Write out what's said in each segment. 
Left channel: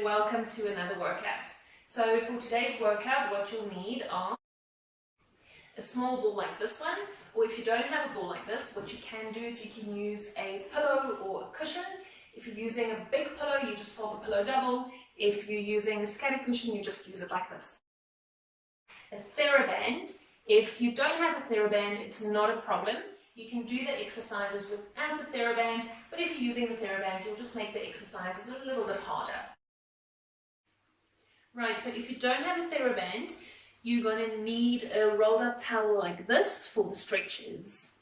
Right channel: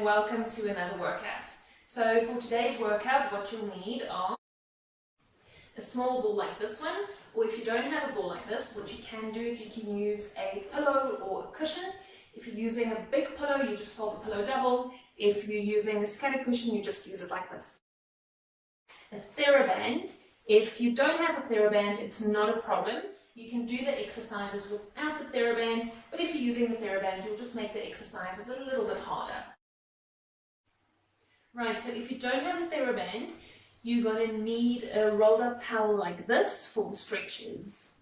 and welcome to another workout. So for today's workout, what you'll need are a small ball like this one, or if you don't have a ball like this, what you can do is you can use a pillow or a cushion. If you're using a big pillow, you just fold the pillow double. If you're using a scattered cushion, you just use it like this. A TheraBand. If you don't have a TheraBand, it's not a problem. You can do the exercises without the TheraBand, but if you're using the TheraBand, you'll just make the exercises a little bit harder. Right, so if you don't have a TheraBand, you're going to need a rolled up towel like this for the stretches.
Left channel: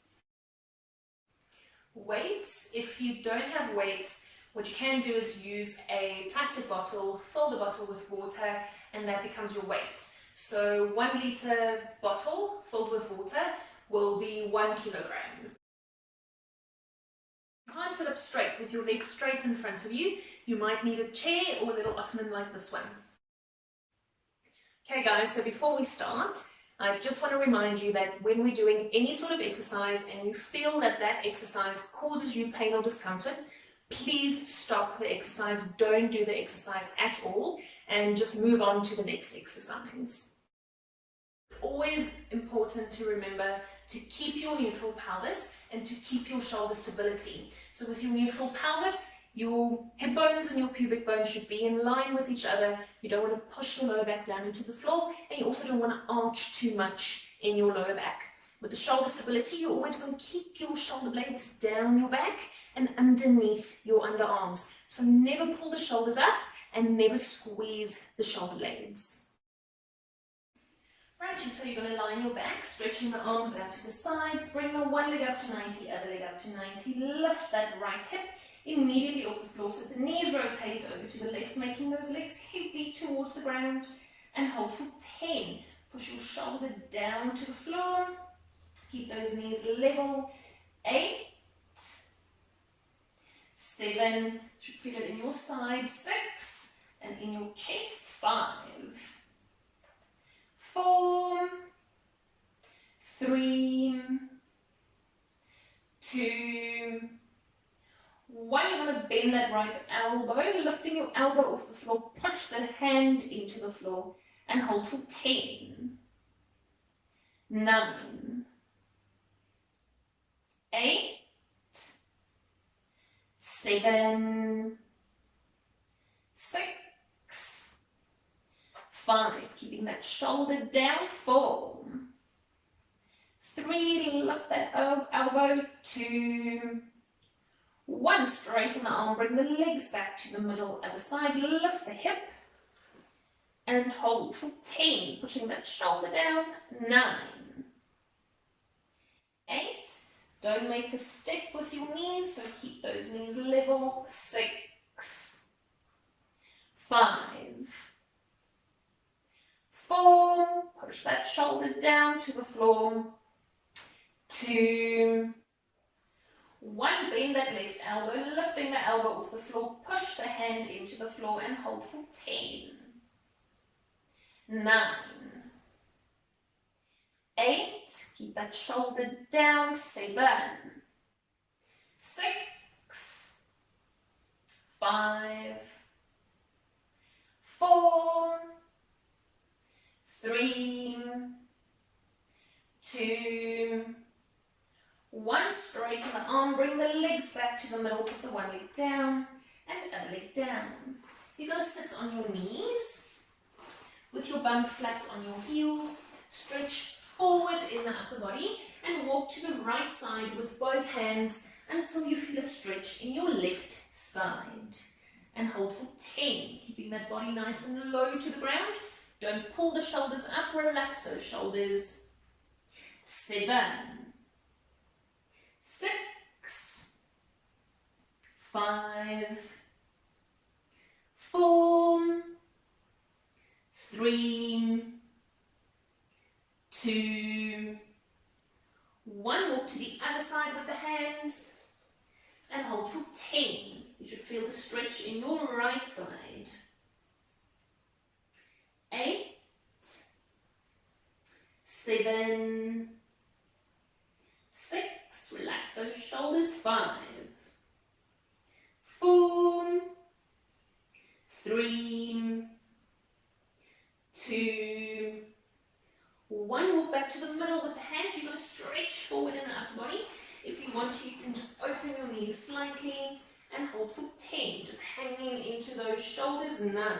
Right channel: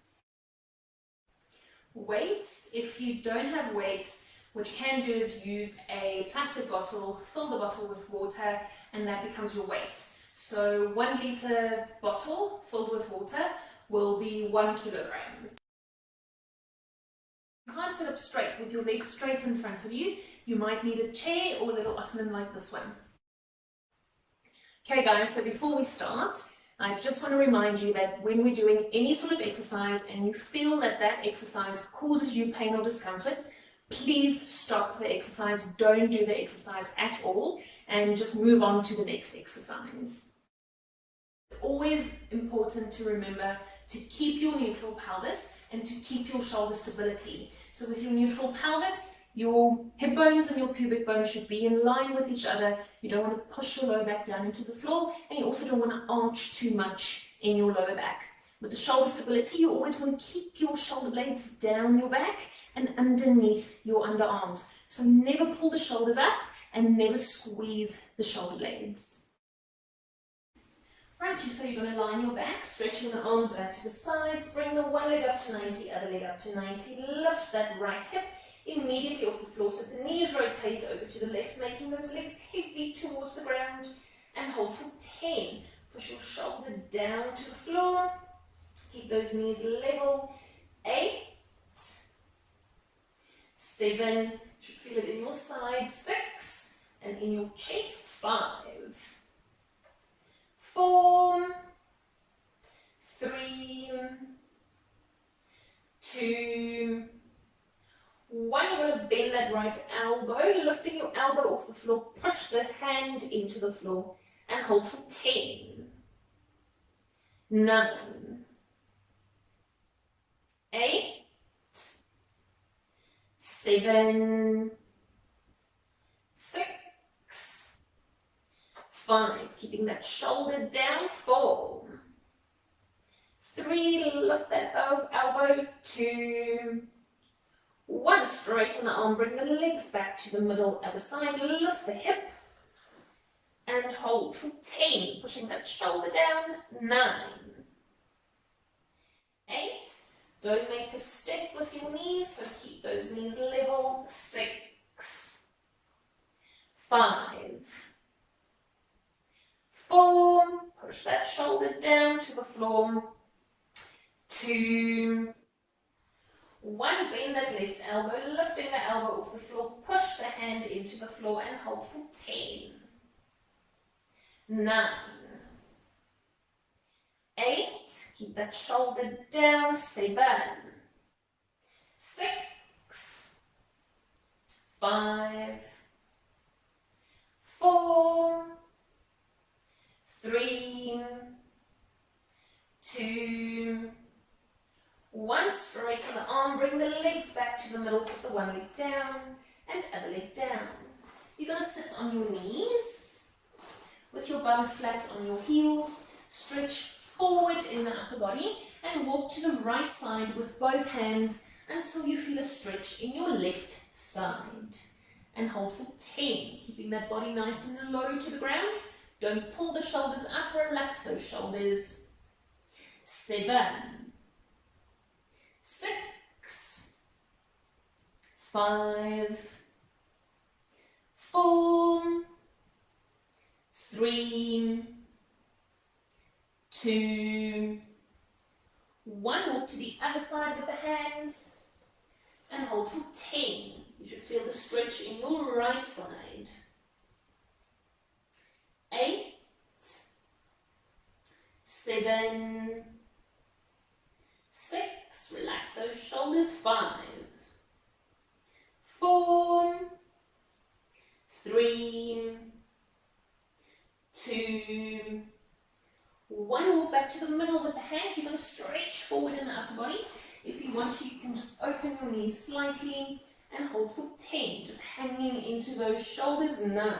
Weights. If you don't have weights, what you can do is use a plastic bottle, fill the bottle with water, and that becomes your weight. So 1 liter bottle filled with water will be 1 kilogram. You can't sit up straight with your legs straight in front of you. You might need a chair or a little ottoman like this one. Okay guys, so before we start, I just want to remind you that when we're doing any sort of exercise and you feel that that exercise causes you pain or discomfort, please stop the exercise, don't do the exercise at all, and just move on to the next exercise. It's always important to remember to keep your neutral pelvis and to keep your shoulder stability. So with your neutral pelvis, your hip bones and your pubic bones should be in line with each other. You don't want to push your lower back down into the floor, and you also don't want to arch too much in your lower back. With the shoulder stability, you always want to keep your shoulder blades down your back and underneath your underarms. So never pull the shoulders up and never squeeze the shoulder blades. Right, so you're going to lie on your back, stretching the arms out to the sides, bring the one leg up to 90, other leg up to 90, lift that right hip immediately off the floor so the knees rotate over to the left, making those legs heavy towards the ground, and hold for 10. Push your shoulder down to the floor, keep those knees level. 8, 7, you should feel it in your side. 6, and in your chest. 5, 4, 3, 2, 1. You want to bend that right elbow, lifting your elbow off the floor, push the hand into the floor and hold for 10, 9, 8, 7, 6, 5, keeping that shoulder down. 4, 3, lift that elbow. 2, 1, straighten the arm, bring the legs back to the middle other side, lift the hip and hold for 10, pushing that shoulder down. 9, 8, don't make a step with your knees, so keep those knees level. 6, 5, 4, push that shoulder down to the floor. 2, 1, bend that left elbow, lifting the elbow off the floor, push the hand into the floor and hold for 10, 9, 8, keep that shoulder down. 7, 6, 5, 4, 3, 2, 1, straighten the arm, bring the legs back to the middle, put the one leg down and other leg down. You're going to sit on your knees with your bum flat on your heels, stretch forward in the upper body and walk to the right side with both hands until you feel a stretch in your left side. And hold for 10, keeping that body nice and low to the ground. Don't pull the shoulders up, relax those shoulders. 7, 6, 5, 4, 3, 2, 1. Walk to the other side with the hands and hold for 10. You should feel the stretch in your right side. 8, 7, 6, relax those shoulders. 5, 4, 3, 3, 2, 1. Walk back to the middle with the hands. You're going to stretch forward in the upper body. If you want to, you can just open your knees slightly and hold for 10. Just hanging into those shoulders. 9,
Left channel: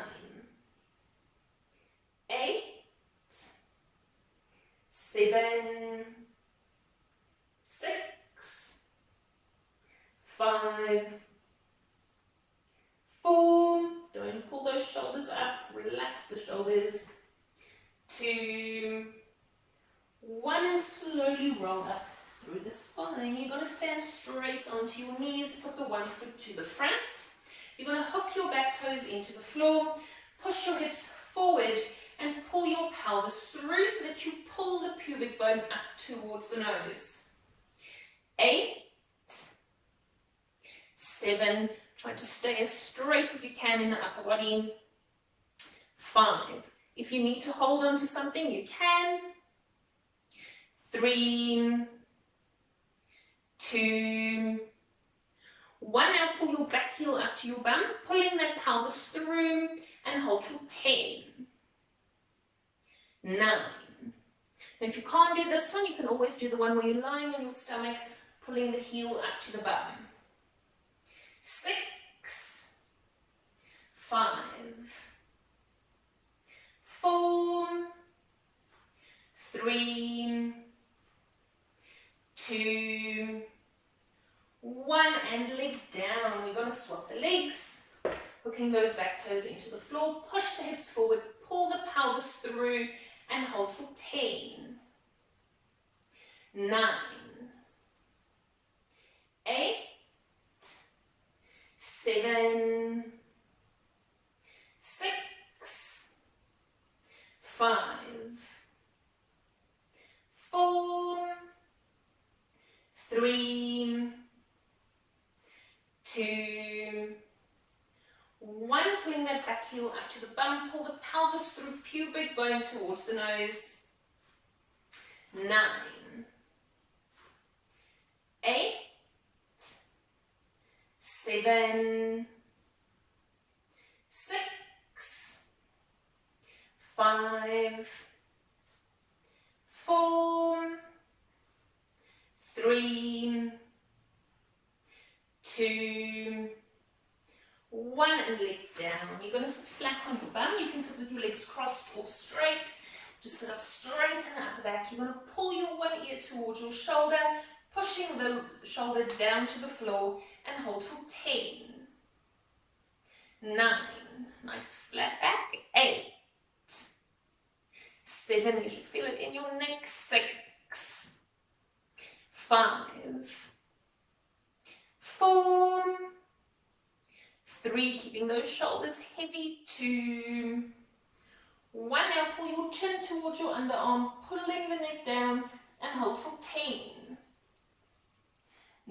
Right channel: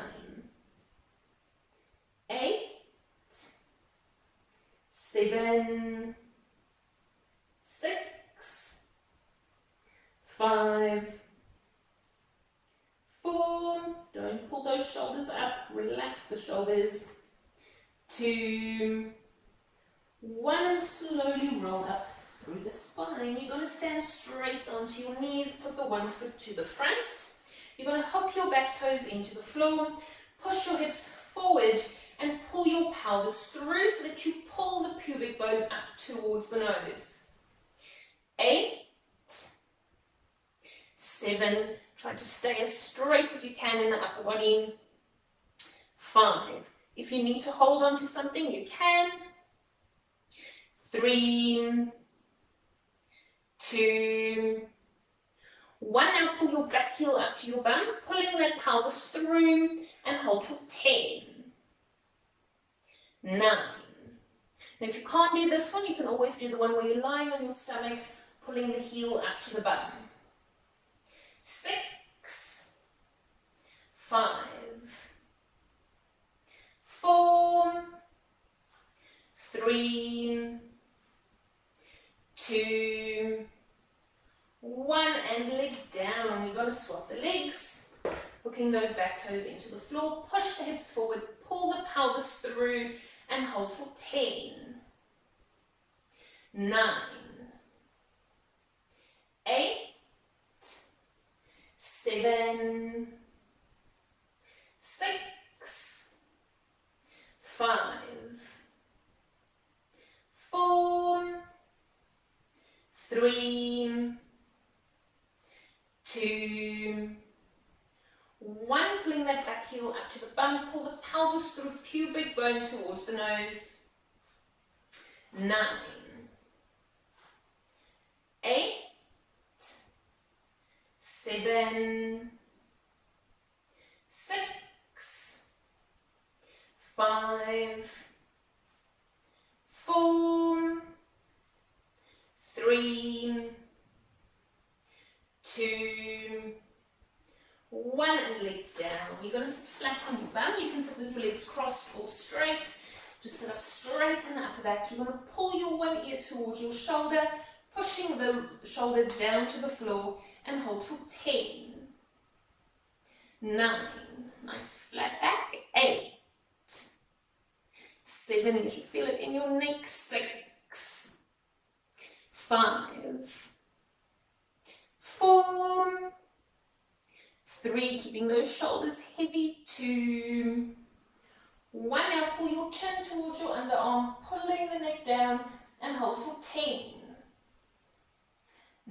8, 7, 6, 5, 4. Don't pull those shoulders up. Relax the shoulders. 2, 1, and slowly roll up through the spine. You're going to stand straight onto your knees. Put the one foot to the front. You're going to hop your back toes into the floor. Push your hips forward and pull your pelvis through so that you pull the pubic bone up towards the nose. 8, 7. Try to stay as straight as you can in the upper body. 5. If you need to hold on to something, you can. 3, 2, 1. Now pull your back heel up to your bum, pulling that pelvis through, and hold for 10. 9. Now if you can't do this one, you can always do the one where you're lying on your stomach, pulling the heel up to the bum. 6, 5, 4, 3, 2, 1, and leg down. We're going to swap the legs, hooking those back toes into the floor. Push the hips forward, pull the pelvis through, and hold for 10, 9, 8, 7, 6, 5, 4, 3, 2, 1. Pulling that back heel up to the bum. Pull the pelvis through, pubic bone towards the nose. 9, 8, 7, 6, 5, 4, 3, 2, 1, and leg down. You're going to sit flat on your bum. You can sit with your legs crossed or straight. Just sit up straight in the upper back. You're going to pull your one ear towards your shoulder, pushing the shoulder down to the floor, and hold for 10, 9, nice flat back, 8, 7, you should feel it in your neck, 6, 5, 4, 3, keeping those shoulders heavy, 2, 1. Now pull your chin towards your underarm, pulling the neck down, and hold for 10,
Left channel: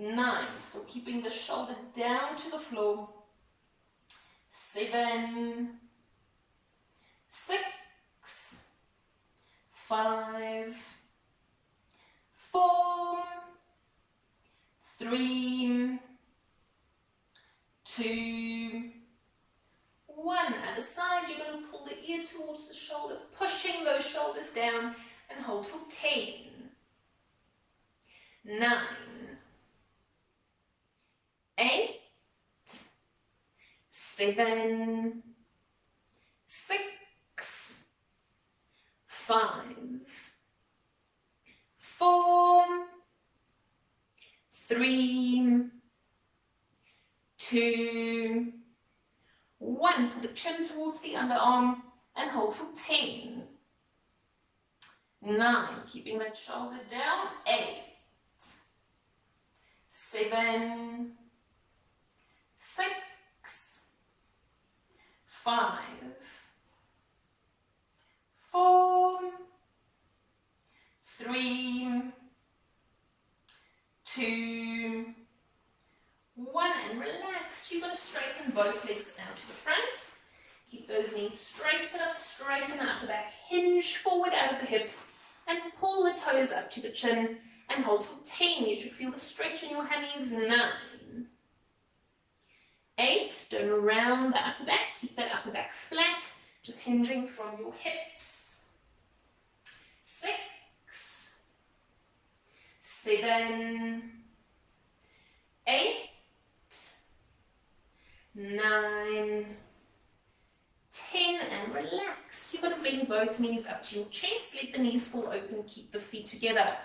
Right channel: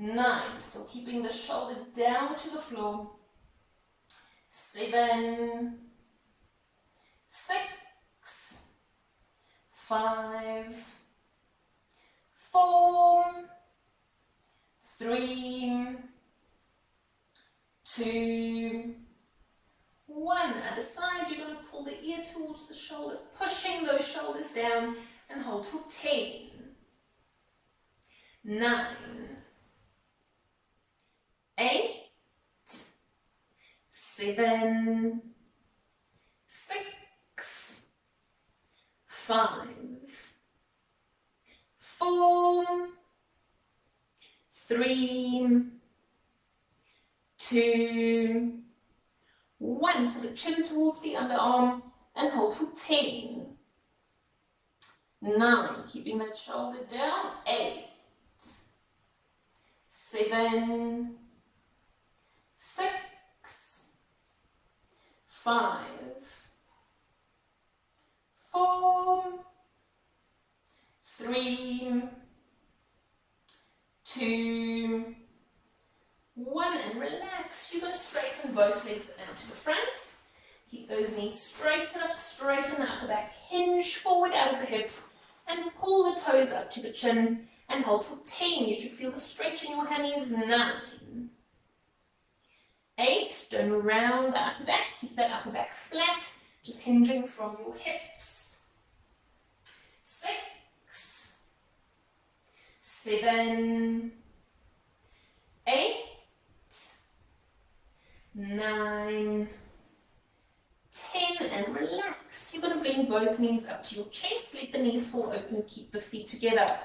9, still keeping the shoulder down to the floor, 7, 6, 5, 4, 3, 2, 1. Other side, you're going to pull the ear towards the shoulder, pushing those shoulders down, and hold for 10, 9, 8, 7, 6, 5, 4, 3, 2, 1. Pull the chin towards the underarm and hold for 10, 9. Keeping that shoulder down, 8, 7, 6, 5, 4, 3, 2, 1, and relax. You're going to straighten both legs out to the front. Keep those knees straight, sit up straight in the upper back, hinge forward out of the hips, and pull the toes up to the chin, and hold for 10. You should feel the stretch in your hammies. 9, 8, 8. Don't round the upper back. Keep that upper back flat, just hinging from your hips. 6, 7, 8, 9, 10, and relax. You're going to bring both knees up to your chest. Let the knees fall open. Keep the feet together.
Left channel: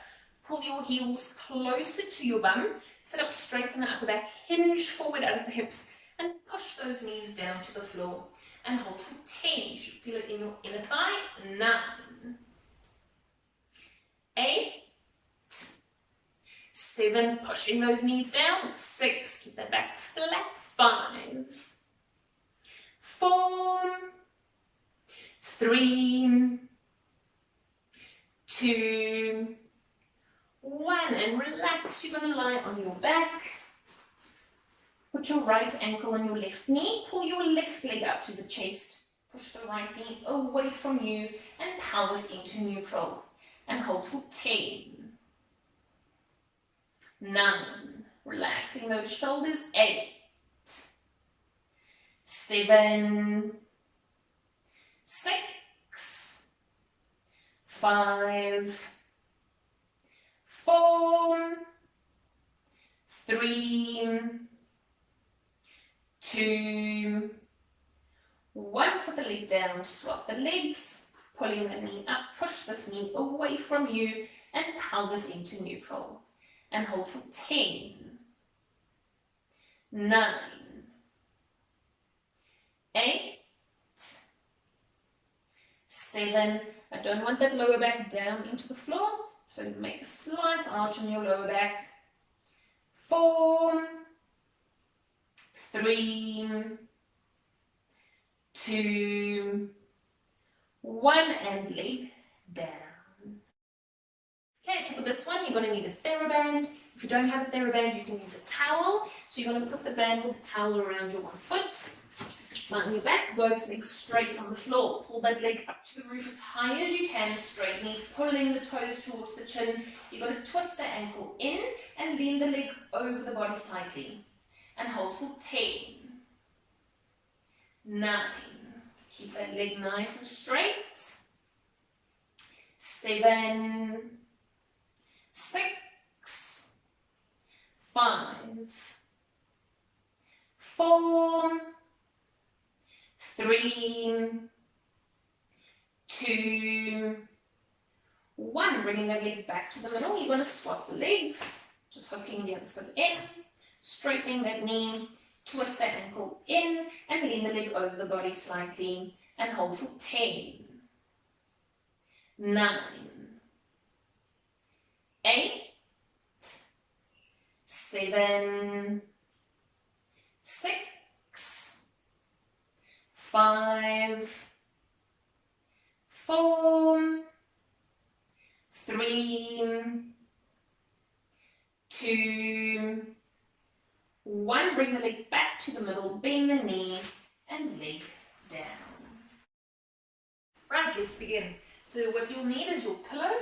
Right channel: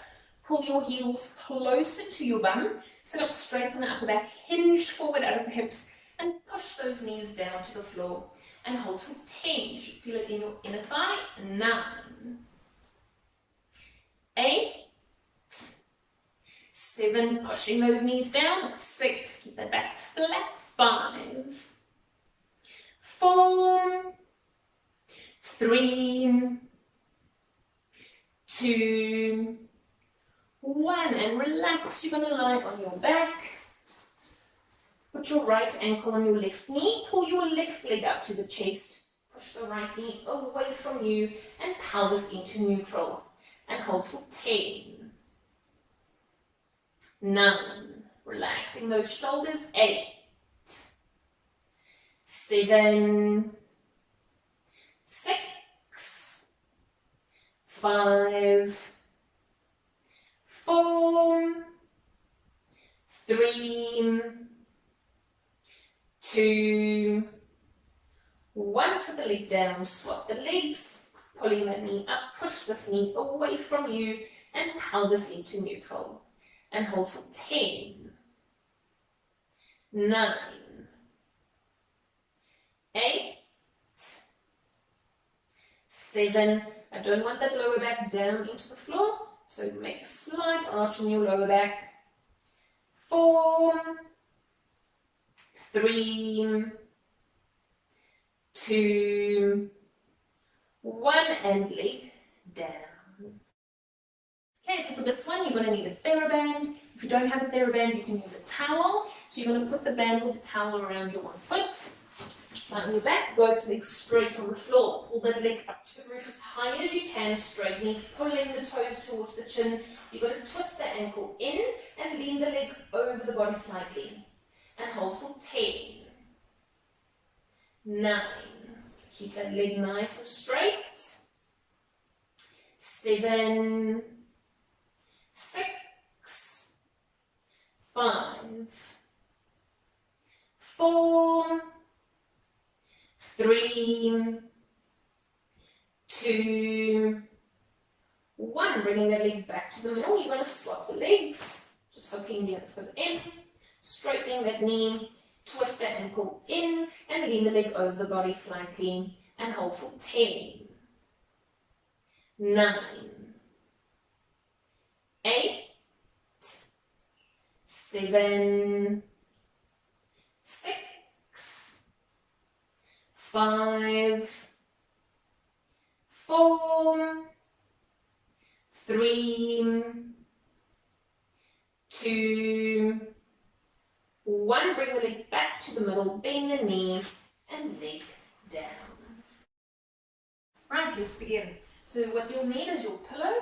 Pull your heels closer to your bum. Sit up straight on the upper back. Hinge forward out of the hips and push those knees down to the floor. And hold for 10. You should feel it in your inner thigh. 9, 8, 7, pushing those knees down. 6, keep that back flat. 5, 4, 3, 2, 1, and relax. You're going to lie on your back. Put your right ankle on your left knee. Pull your left leg up to the chest. Push the right knee away from you and pelvis into neutral. And hold for 10, 9, relaxing those shoulders. 8, 7, 6, 5, 4, 3, 2, 1. Put the leg down, swap the legs, pulling the knee up, push this knee away from you and pelvis into neutral. And hold for 10, 9, 8, 7. I don't want that lower back down into the floor, so make a slight arch in your lower back. 4, 3, 2, 1, and leg down. Okay, so for this one, you're going to need a TheraBand. If you don't have a TheraBand, you can use a towel. So you're going to put the band with the towel around your one foot. Lie on your back, both legs straight on the floor. Pull that leg up to the roof as high as you can, straight knee, pulling the toes towards the chin. You're going to twist the ankle in and lean the leg over the body slightly. And hold for 10, 9. Keep that leg nice and straight. 7, 6, 5, 4, 3, 2, 1. Bringing that leg back to the middle. You're going to swap the legs. Just hooking the other foot in. Straightening that knee. Twist the ankle in and lean the leg over the body slightly. And hold for 10, 9, 8, 7, 6, 5, 4, 3, 2, 1. Bring the leg back to the middle, bend the knee, and leg down. Right, let's begin. So what you'll need is your pillow.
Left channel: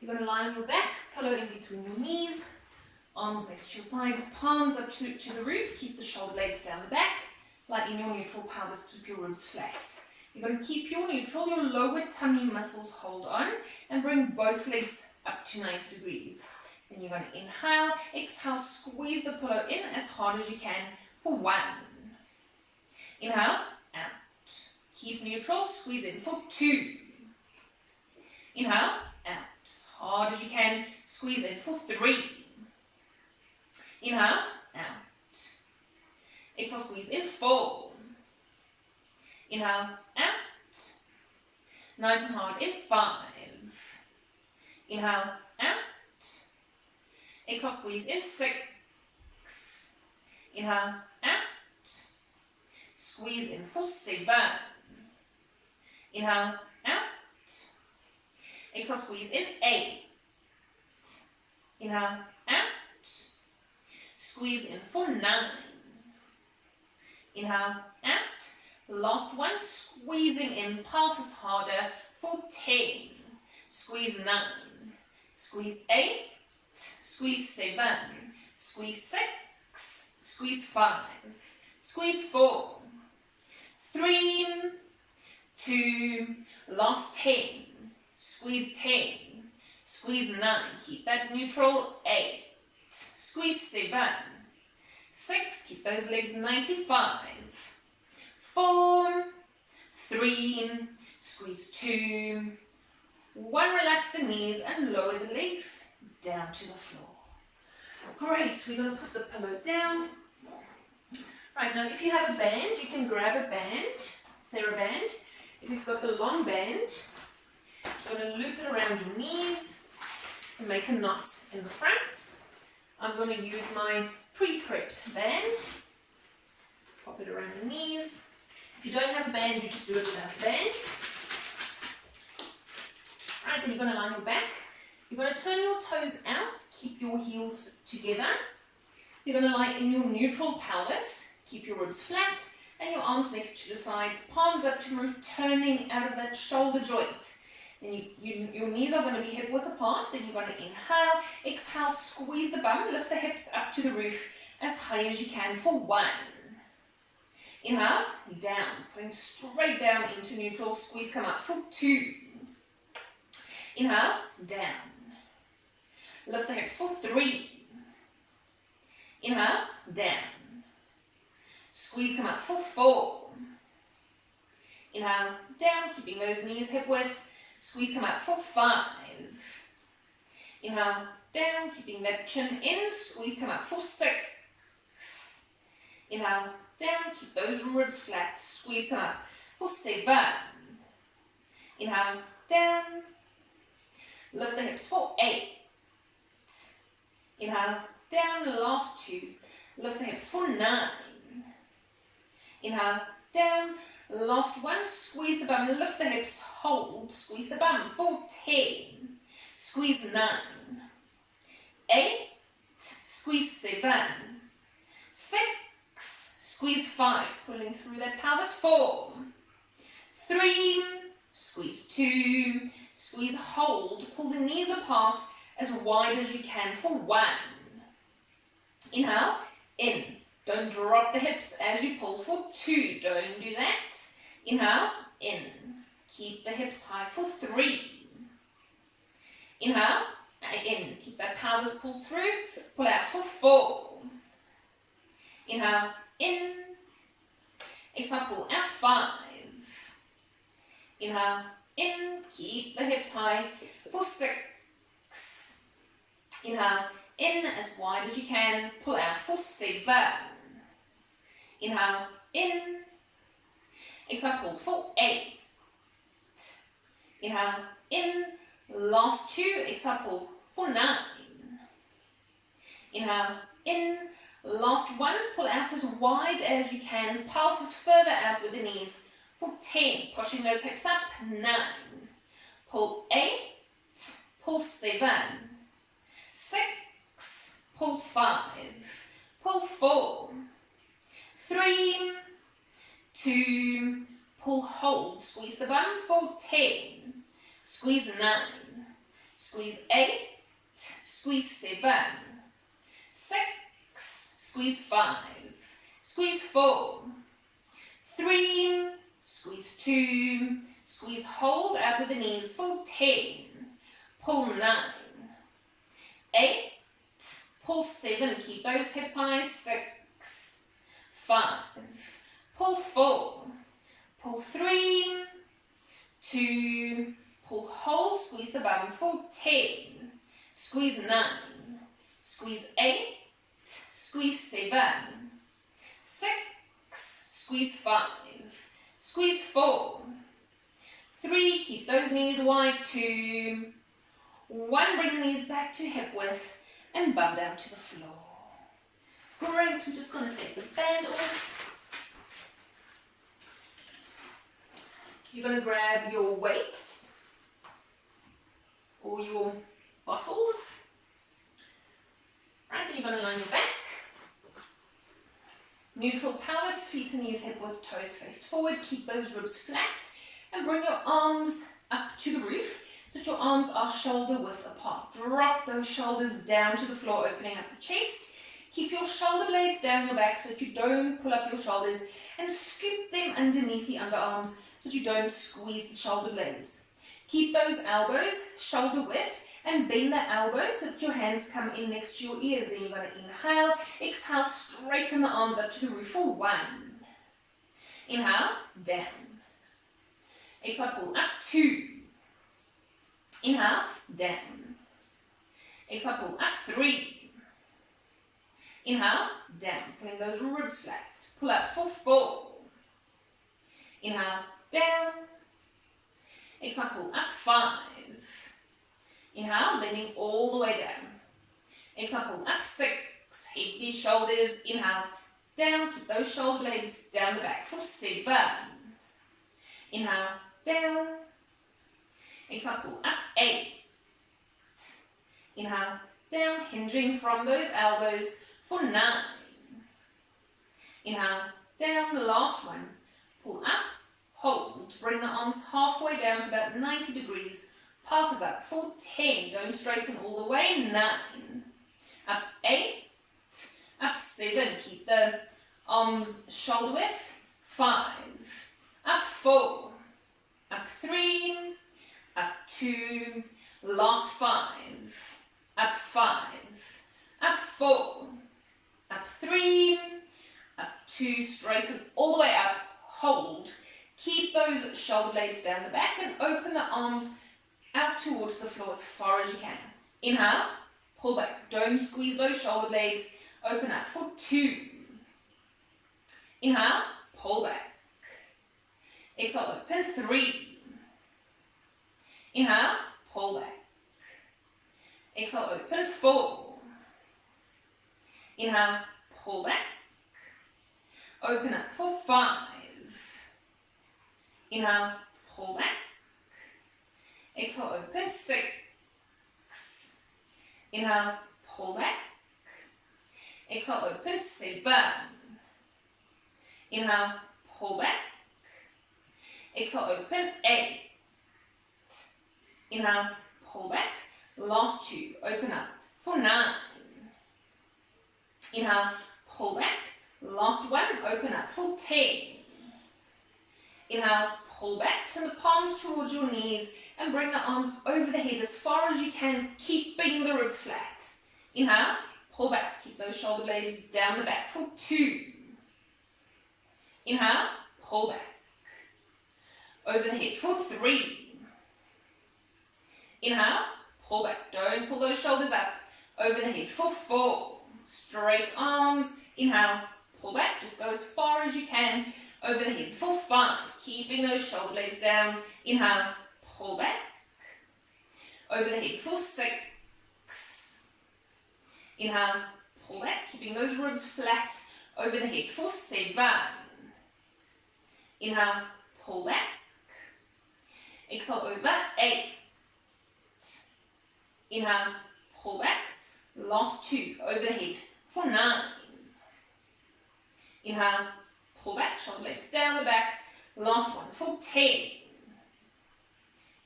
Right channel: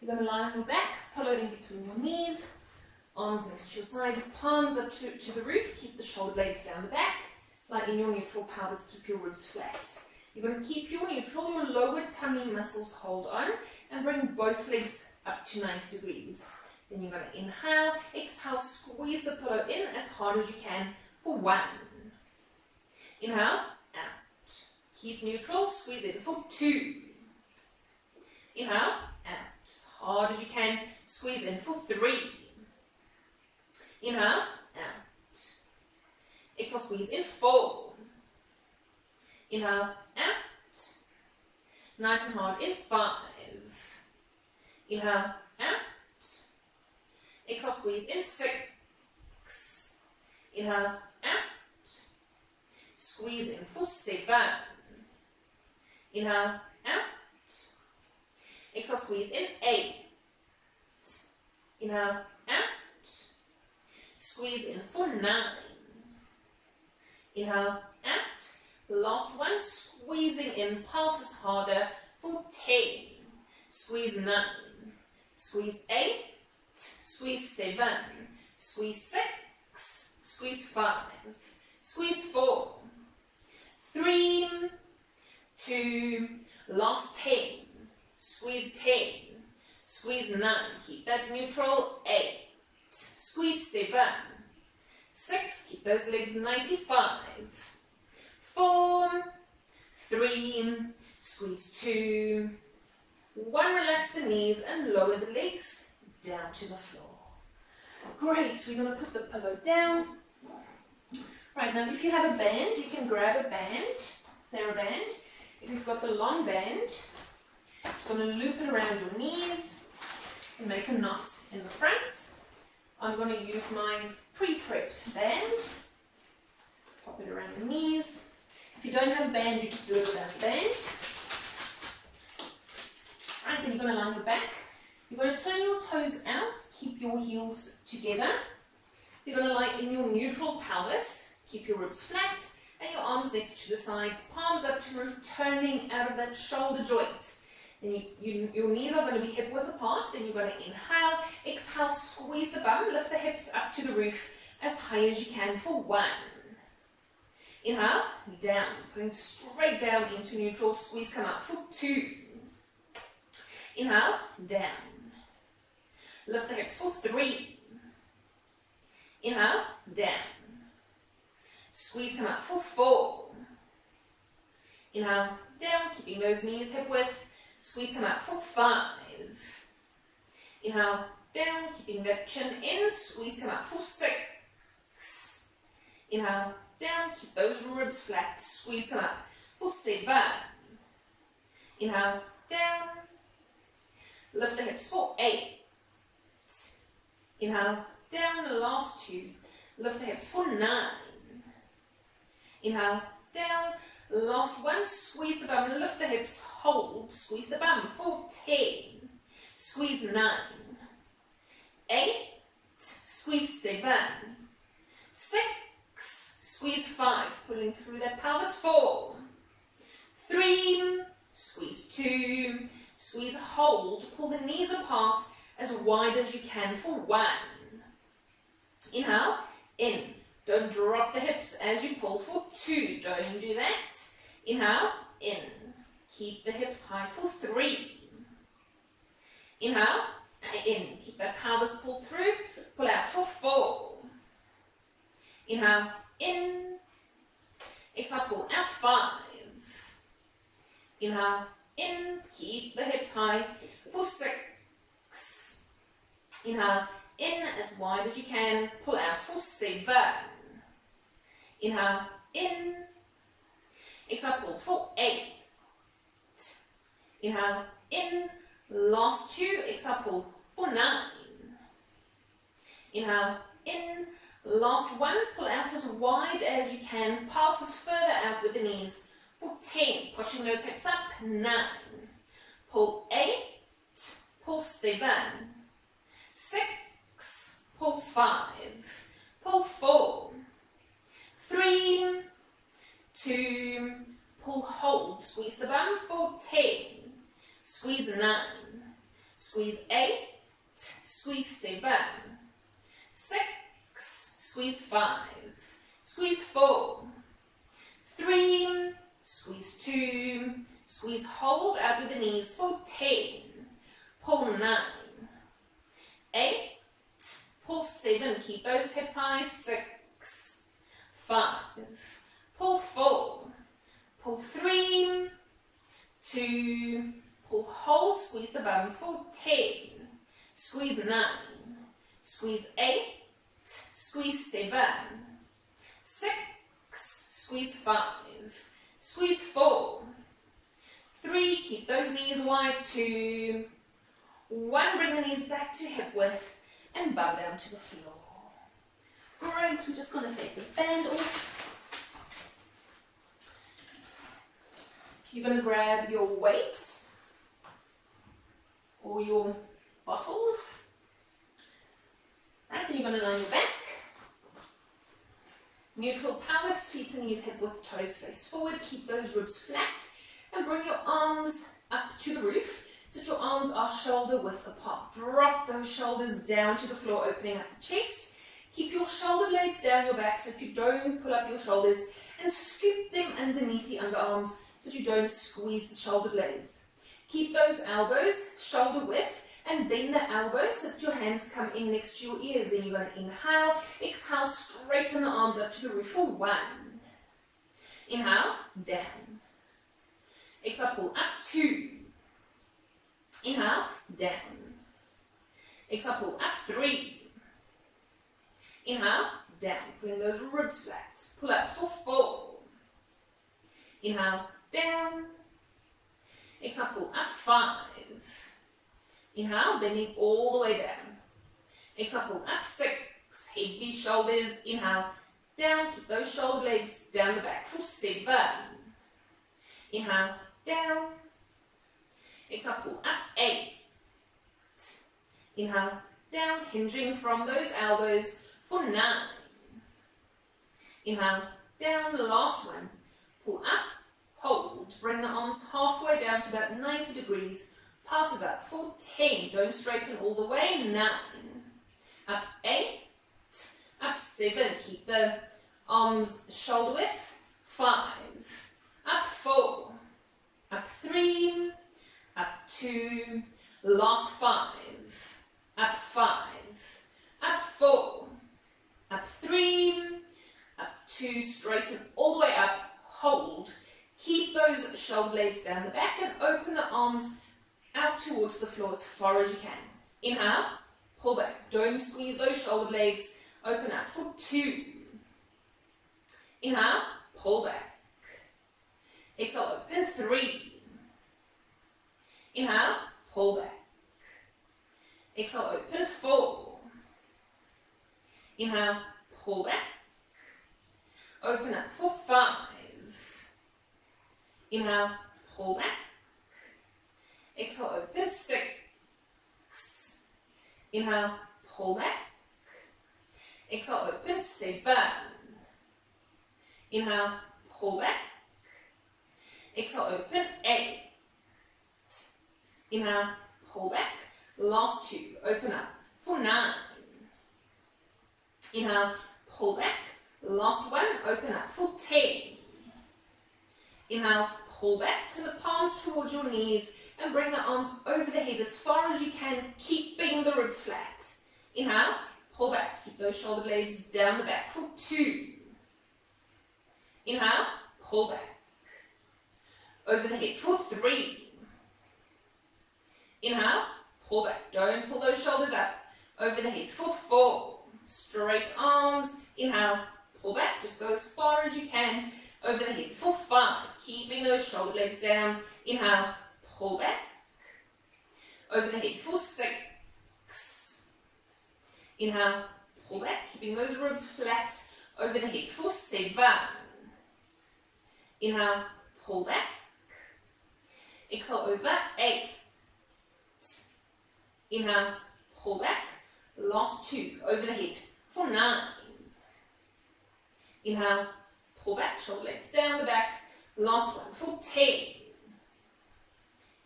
You're going to lie on your back, pillow in between your knees, arms next to your sides, palms up to the roof. Keep the shoulder blades down the back. Lie in your neutral pelvis, keep your ribs flat. You're going to keep your neutral, your lower tummy muscles hold on, and bring both legs up to 90 degrees. Then you're going to inhale, exhale, squeeze the pillow in as hard as you can for 1. Inhale, out. Keep neutral, squeeze in for 2. Inhale, out. As hard as you can, squeeze in for 3. Inhale, out. Exhale, squeeze in 4. Inhale, out. Nice and hard in 5. Inhale, out. Exhale, squeeze in 6. Inhale, out. Squeeze in for 7. Inhale, out. Exhale, squeeze in 8. Inhale, out. Squeeze in for 9. Inhale, out. Last one, squeezing in, pulses harder for 10. Squeeze 9. Squeeze 8. Squeeze 7, squeeze 6, squeeze 5, Squeeze 4, 3, 2, last 10. Squeeze 10, squeeze 9, keep that neutral, 8, squeeze 7, 6, keep those legs 95, 4, 3, squeeze 2, 1, relax the knees and lower the legs down to the floor. Great, we're going to put the pillow down. Right, now if you have a band, you can grab a band, TheraBand. If you've got the long band, just going to loop it around your knees and make a knot in the front. I'm going to use my pre-prepped band. Pop it around the knees. If you don't have a band, you just do it without a band. Right, then you're going to lie on your back. You're going to turn your toes out, keep your heels together. You're going to lie in your neutral pelvis, keep your ribs flat and your arms next to the sides, palms up to the roof, turning out of that shoulder joint. Then your knees are going to be hip width apart. Then you're going to inhale, exhale, squeeze the bum, lift the hips up to the roof as high as you can for 1. Inhale, down, putting straight down into neutral, squeeze, come up for 2. Inhale, down. Lift the hips for 3. Inhale, down. Squeeze, come up for 4. Inhale, down, keeping those knees hip width. Squeeze, come out for 5. Inhale, down, keeping that chin in. Squeeze, come out for 6. Inhale, down, keep those ribs flat. Squeeze, come up for 7. Inhale, down. Lift the hips for 8. Inhale, down, the last 2. Lift the hips for 9. Inhale, down. Last 1, squeeze the bum, lift the hips, hold, squeeze the bum for 10, squeeze 9, 8, squeeze 7, 6, squeeze 5, pulling through that pelvis, 4, 3, squeeze 2, squeeze, hold, pull the knees apart as wide as you can for 1. Inhale, in. Don't drop the hips as you pull for 2. Don't do that. Inhale, in. Keep the hips high for 3. Inhale, in. Keep that pelvis pulled through. Pull out for 4. Inhale, in. Exhale, pull out 5. Inhale, in. Keep the hips high for 6. Inhale, in as wide as you can. Pull out for 7. Inhale, in. Exhale, pull for 8. Inhale, in. Last 2. Exhale, pull for 9. Inhale, in. Last 1. Pull out as wide as you can. Pulses further out with the knees for 10. Pushing those hips up. 9. Pull 8. Pull 7. 6. Pull 5. Pull 4. 3, 2, pull, hold, squeeze the bum for 10, squeeze 9, squeeze 8, squeeze 7, 6, squeeze 5, squeeze 4, 3, squeeze 2, squeeze, hold out with the knees for 10, pull 9, 8, pull 7, keep those hips high, 6, 5, pull 4, pull 3, 2, pull, hold, squeeze the bum for 10, squeeze 9, squeeze 8, squeeze 7, 6, squeeze 5, squeeze 4, 3, keep those knees wide, 2, 1, bring the knees back to hip width and bum down to the floor. Great, we're just going to take the band off. You're going to grab your weights or your bottles. Right, then you're going to lie on your back. Neutral pelvis, feet and knees hip width, toes face forward. Keep those ribs flat and bring your arms up to the roof so that your arms are shoulder width apart. Drop those shoulders down to the floor, opening up the chest. Keep your shoulder blades down your back so that you don't pull up your shoulders, and scoop them underneath the underarms so that you don't squeeze the shoulder blades. Keep those elbows shoulder width and bend the elbows so that your hands come in next to your ears. Then you're going to inhale, exhale, straighten the arms up to the roof for 1. Inhale, down. Exhale, pull up, 2. Inhale, down. Exhale, pull up, 3. Inhale, down, pulling those ribs flat. Pull up for 4. Inhale, down. Exhale, pull up, 5. Inhale, bending all the way down. Exhale, pull up, 6. Heavy shoulders. Inhale, down. Keep those shoulder blades down the back for 7. Inhale, down. Exhale, pull up, 8. Inhale, down, hinging from those elbows for 9. Inhale, down, the last one. Pull up, hold. Bring the arms halfway down to about 90 degrees. Passes up for 10. Don't straighten all the way. 9. Up 8. Up 7. Keep the arms shoulder width. 5. Up 4. Up 3. Up 2. Last 5. Up 5. Up 4. Up 3. Up 2. Straighten all the way up. Hold. Keep those shoulder blades down the back and open the arms out towards the floor as far as you can. Inhale, pull back. Don't squeeze those shoulder blades. Open up for 2. Inhale, pull back. Exhale, open, 3. Inhale, pull back. Exhale, open, 4. Inhale, pull back. Open up for 5. Inhale, pull back. Exhale, open, 6. Inhale, pull back. Exhale, open, 7. Inhale, pull back. Exhale, open, 8. Inhale, pull back. Last 2, open up for 9. Inhale, pull back. Last 1, open up for 10. Inhale, pull back. Turn the palms towards your knees and bring the arms over the head as far as you can, keeping the ribs flat. Inhale, pull back. Keep those shoulder blades down the back for 2. Inhale, pull back. Over the head for 3. Inhale, pull back. Don't pull those shoulders up. Over the head for 4. Straight arms. Inhale, pull back. Just go as far as you can. Over the head for 5. Keeping those shoulder blades down. Inhale, pull back. Over the head for 6. Inhale, pull back. Keeping those ribs flat. Over the head for 7. Inhale, pull back. Exhale, over 8. Inhale, pull back. Last 2, over the head for 9. Inhale, pull back, shoulder blades down the back. Last one for 10.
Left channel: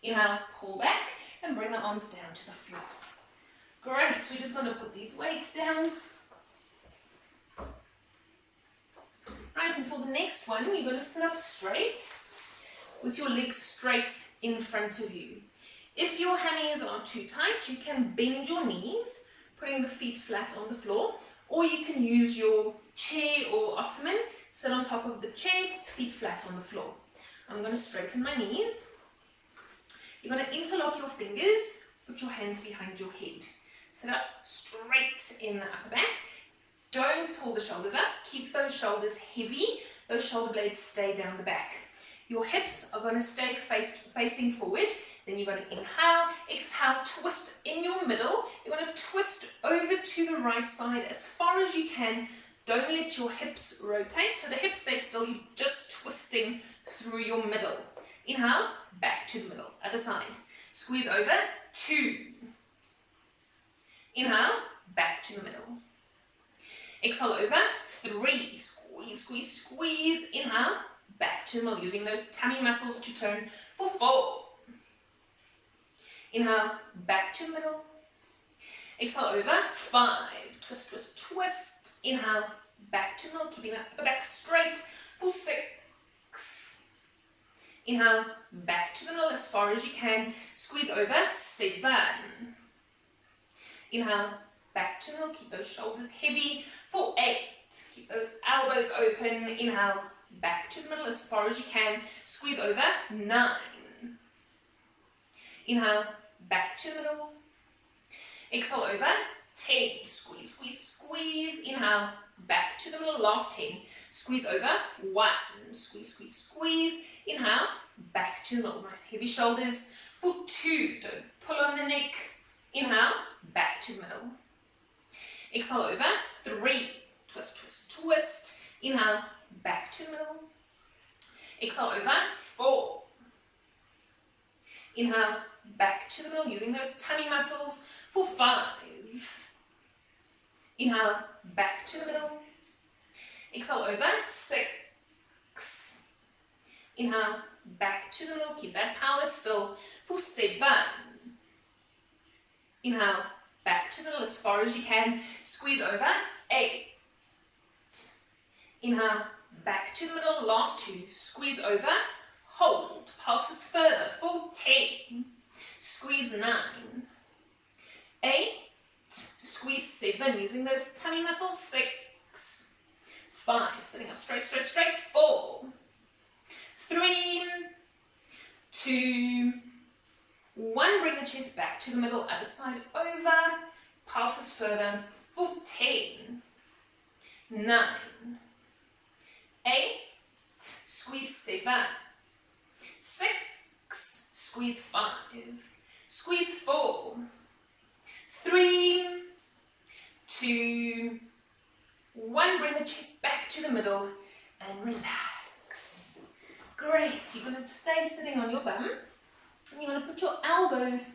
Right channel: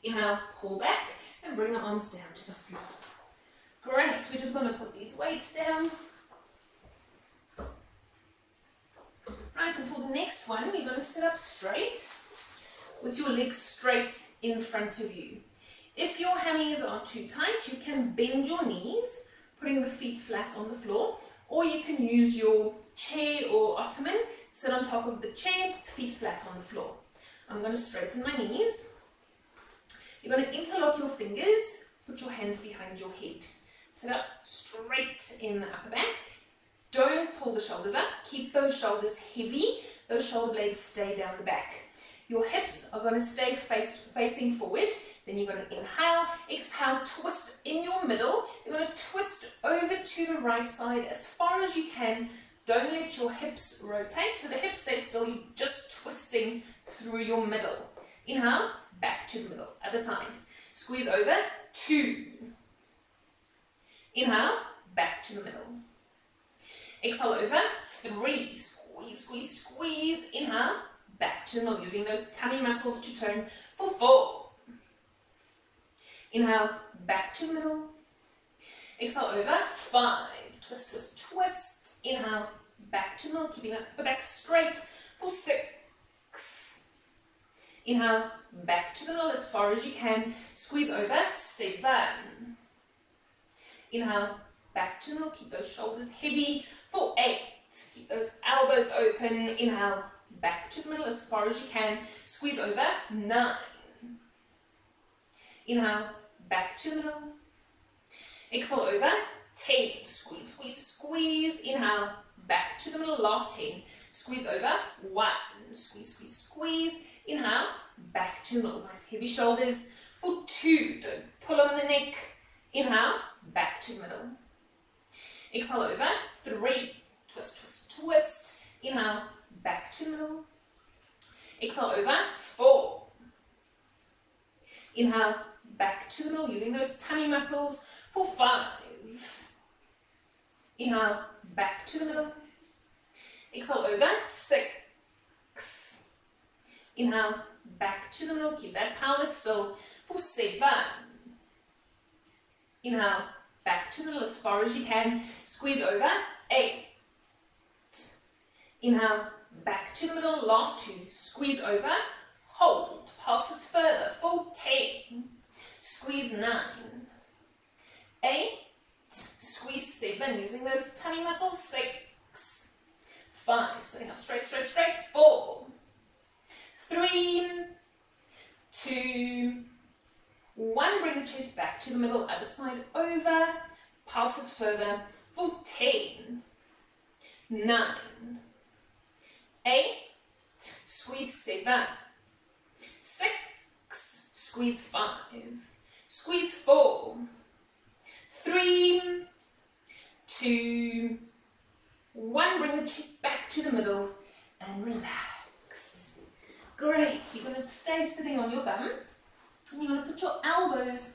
Inhale, pull back, and bring the arms down to the floor. Great, so we're just going to put these weights down. Right, and for the next one, you're going to sit up straight with your legs straight in front of you. If your hammies are too tight, you can bend your knees, putting the feet flat on the floor, or you can use your chair or ottoman, sit on top of the chair, feet flat on the floor. I'm going to straighten my knees. You're going to interlock your fingers, put your hands behind your head. Sit up straight in the upper back. Don't pull the shoulders up, keep those shoulders heavy, those shoulder blades stay down the back. Your hips are going to stay facing forward. Then you're going to inhale, exhale, twist in your middle. You're going to twist over to the right side as far as you can. Don't let your hips rotate, so the hips stay still. You're just twisting through your middle. Inhale, back to the middle, other side. Squeeze over, 2. Inhale, back to the middle. Exhale over, 3. Squeeze, squeeze, squeeze. Inhale, back to the middle, using those tummy muscles to turn for 4. Inhale, back to the middle. Exhale over, 5. Twist, twist, twist. Inhale, back to middle, keeping that upper back straight for 6. Inhale, back to the middle as far as you can. Squeeze over, 7. Inhale, back to the middle, keep those shoulders heavy for 8. Keep those elbows open. Inhale, back to the middle as far as you can. Squeeze over, 9. Inhale, back to the middle. Exhale over, 10. Squeeze, squeeze, squeeze. Inhale, back to the middle, last 10. Squeeze over, 1. Squeeze, squeeze, squeeze. Inhale, back to the middle. Nice heavy shoulders for 2. Don't pull on the neck. Inhale, back to the middle. Exhale over, 3. Twist, twist, twist. Inhale, back to the middle. Exhale over, 4. Inhale, back to the middle, using those tummy muscles for 5. Inhale, back to the middle. Exhale over, 6. Inhale, back to the middle. Keep that power still for 7. Inhale, back to the middle as far as you can. Squeeze over, 8. Inhale, back to the middle, last 2. Squeeze over, hold. Passes further for 10. Squeeze 9. 8. Squeeze 7, using those tummy muscles. 6. 5. Sitting up straight, straight, straight. 4. 3. 2. 1. Bring the chest back to the middle. Other side over. Passes further for 10. 9. 8. Squeeze 7. 6. Squeeze 5. Squeeze 4. 3. 2. 1. Bring the chest back to the middle and relax. Great. You're going to stay sitting on your bum. And you're going to put your elbows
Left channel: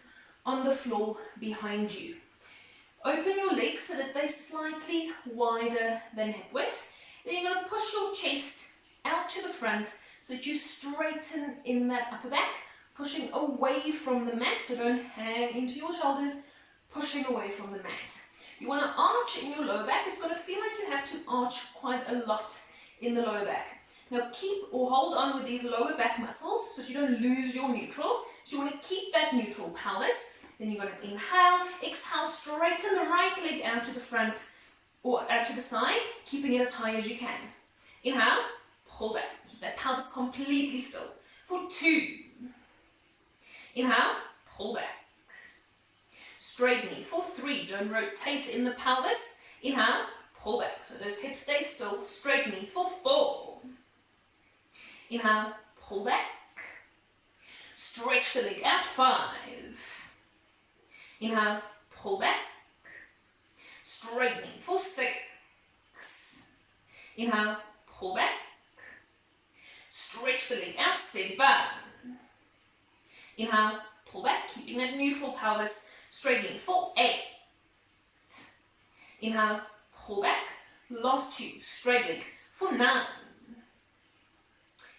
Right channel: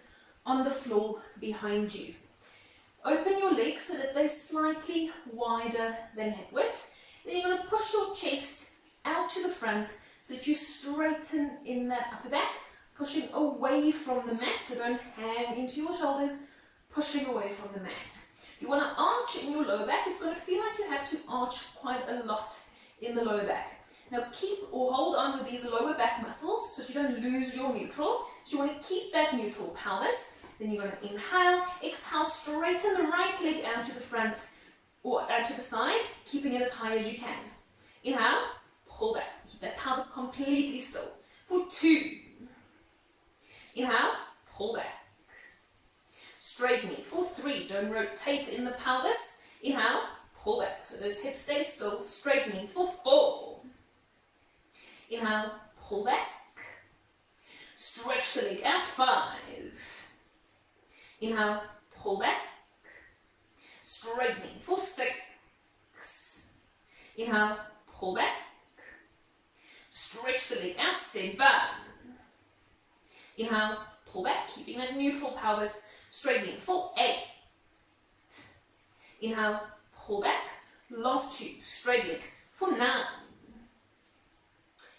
on the floor behind you. Open your legs so that they're slightly wider than hip width. Then you're going to push your chest out to the front so that you straighten in that upper back, pushing away from the mat, so don't hang into your shoulders, pushing away from the mat. You want to arch in your lower back. It's going to feel like you have to arch quite a lot in the lower back. Now keep or hold on with these lower back muscles so that you don't lose your neutral. So you want to keep that neutral pelvis. Then you're going to inhale, exhale, straighten the right leg out to the front or out to the side, keeping it as high as you can. Inhale, pull back. Keep that pelvis completely still for 2. Inhale, pull back. Straight knee for 3. Don't rotate in the pelvis. Inhale, pull back. So those hips stay still. Straight knee for 4. Inhale, pull back. Stretch the leg out. 5. Inhale, pull back. Straight knee for 6. Inhale, pull back. Stretch the leg out. 7. Inhale, pull back, keeping that neutral pelvis. Straight knee for 8. Inhale, pull back. Last 2. Straight leg for 9.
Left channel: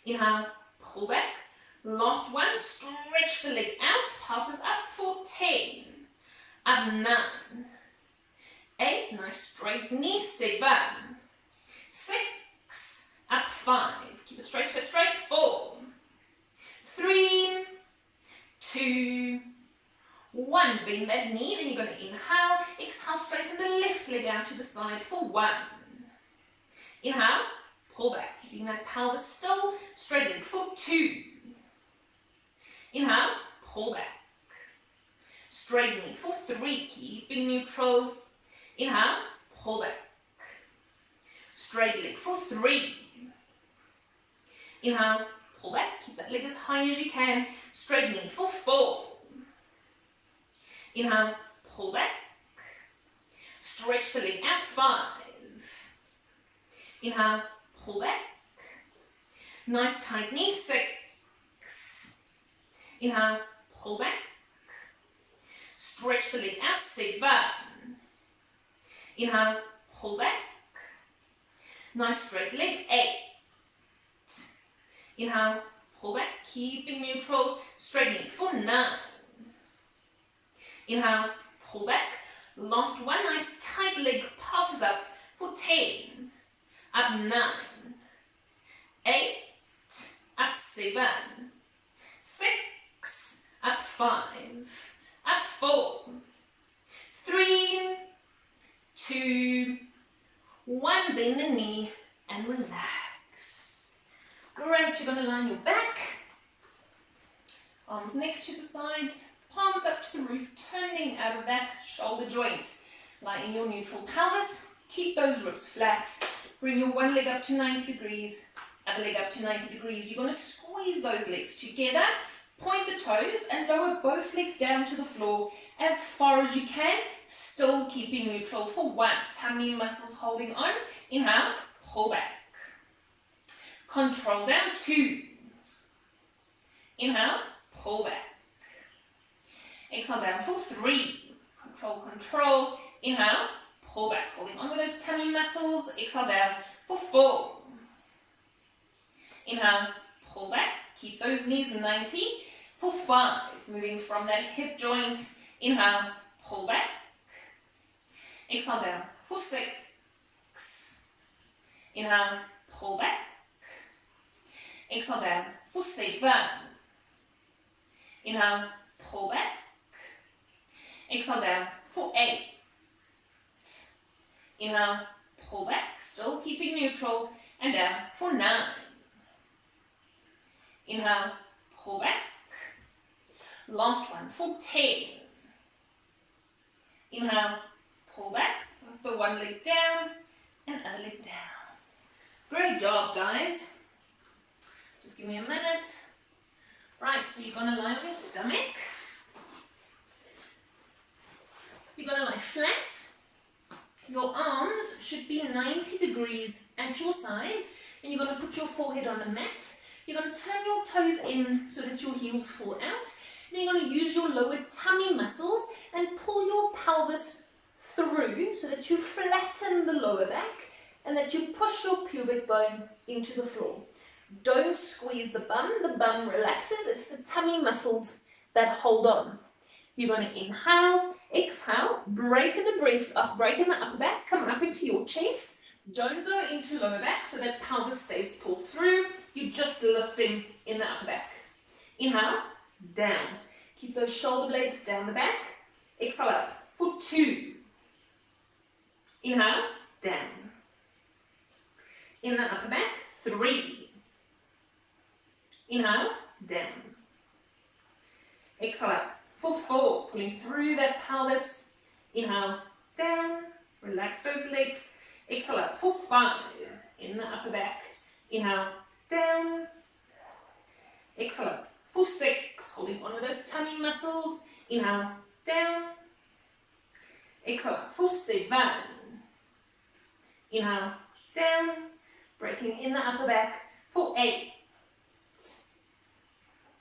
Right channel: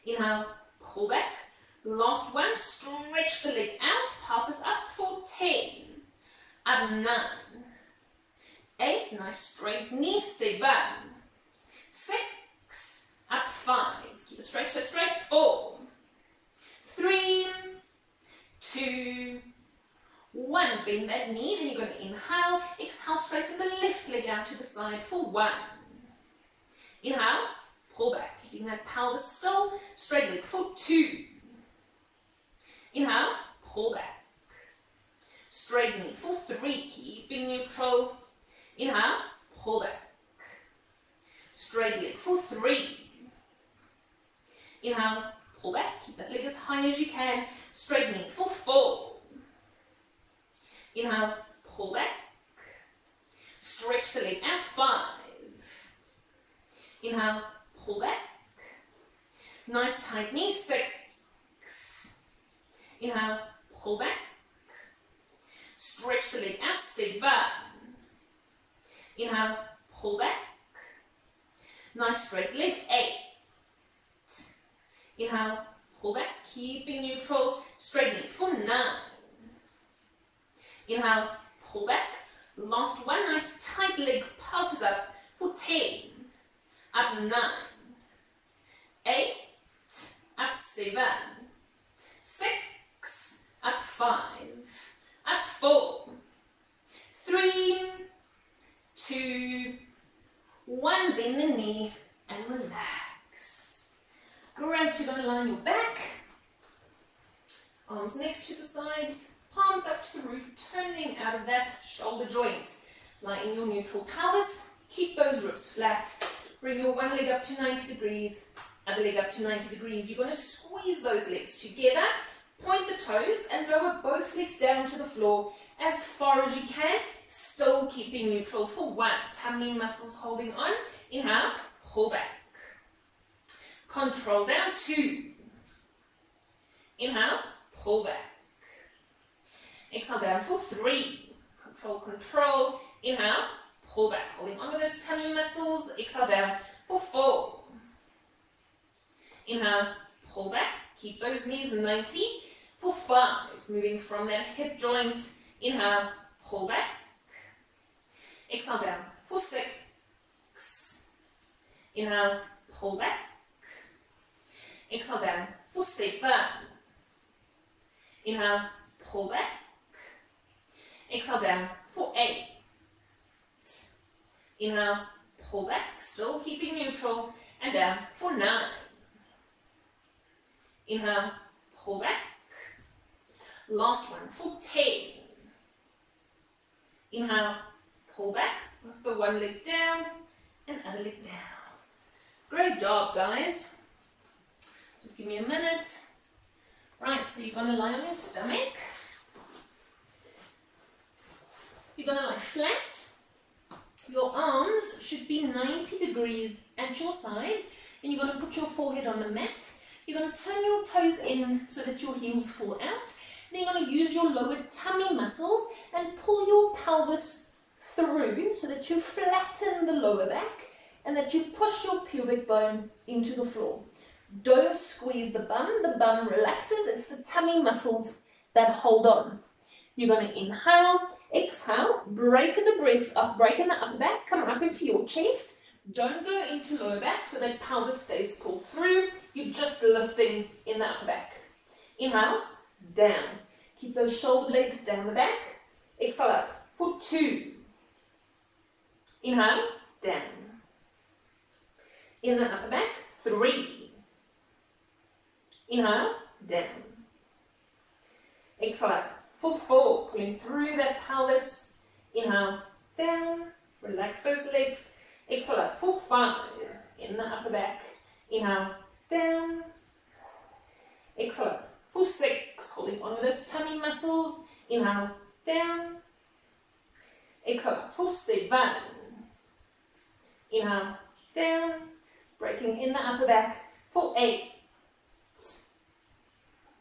Inhale, pull back. Last 1. Stretch the leg out. Passes up for 10. Up 9. 8. Nice straight knee. 7. 6. Up 5. Keep it straight, straight, straight. 4. 3. 2. 1. Bend that knee. Then you're going to inhale. Exhale, straighten the left leg out to the side for 1. Inhale, pull back. Keeping that pelvis still. Straight leg for 2. Inhale, pull back. Straight knee for 3. Keeping neutral. Inhale, pull back. Straight leg for 3. Inhale, pull back. Keep that leg as high as you can. Straight knee for 4. Inhale, pull back. Stretch the leg out. 5. Inhale, pull back. Nice tight knee. 6. Inhale, pull back. Stretch the leg out. 7. Inhale, pull back. Nice straight leg. 8. Inhale, pull back, keeping neutral. Straight knee for 9. Inhale, pull back. Last 1. Nice tight leg passes up for for 10, up 9, 8, up 7, 6, up 5, up 4, 3, 2, 1, bend the knee and relax. Great, you're going to line your back, arms next to the sides, palms up to the roof, turning out of that shoulder joint. Lie in your neutral pelvis, keep those ribs flat, bring your one leg up to 90 degrees, other leg up to 90 degrees. You're going to squeeze those legs together, point the toes and lower both legs down to the floor as far as you can, still keeping neutral for 1. Tummy muscles holding on. Inhale, pull back. Control down, 2. Inhale, pull back. Exhale down for 3. Control, control. Inhale, pull back. Holding on with those tummy muscles. Exhale down for 4. Inhale, pull back. Keep those knees 90 for 5. Moving from that hip joint. Inhale, pull back. Exhale down for 6. Inhale, pull back. Exhale down for 7. Inhale, pull back. Exhale down for 8. Inhale, pull back, still keeping neutral, and down for 9. Inhale, pull back. Last one for 10. Inhale, pull back, with the one leg down and other leg down. Great job, guys. Just give me a minute. Right, so you're going to lie on your stomach. You're going to lie flat. Your arms should be 90 degrees at your sides, and you're going to put your forehead on the mat. You're going to turn your toes in so that your heels fall out. Then you're going to use your lower tummy muscles and pull your pelvis through so that you flatten the lower back and that you push your pubic bone into the floor. Don't squeeze the bum relaxes, it's the tummy muscles that hold on. You're going to inhale, exhale, break in the breast up, break in the upper back, come up into your chest. Don't go into lower back so that pelvis stays pulled through. You're just lifting in the upper back. Inhale, down. Keep those shoulder blades down the back. Exhale up for 2. Inhale, down. In the upper back, 3. Inhale, down. Exhale up for 4. Pulling through that pelvis. Inhale, down. Relax those legs. Exhale up for 5. In the upper back. Inhale, down. Exhale up for 6. Holding on with those tummy muscles. Inhale, down. Exhale up for 7. Inhale, down. Breaking in the upper back for 8.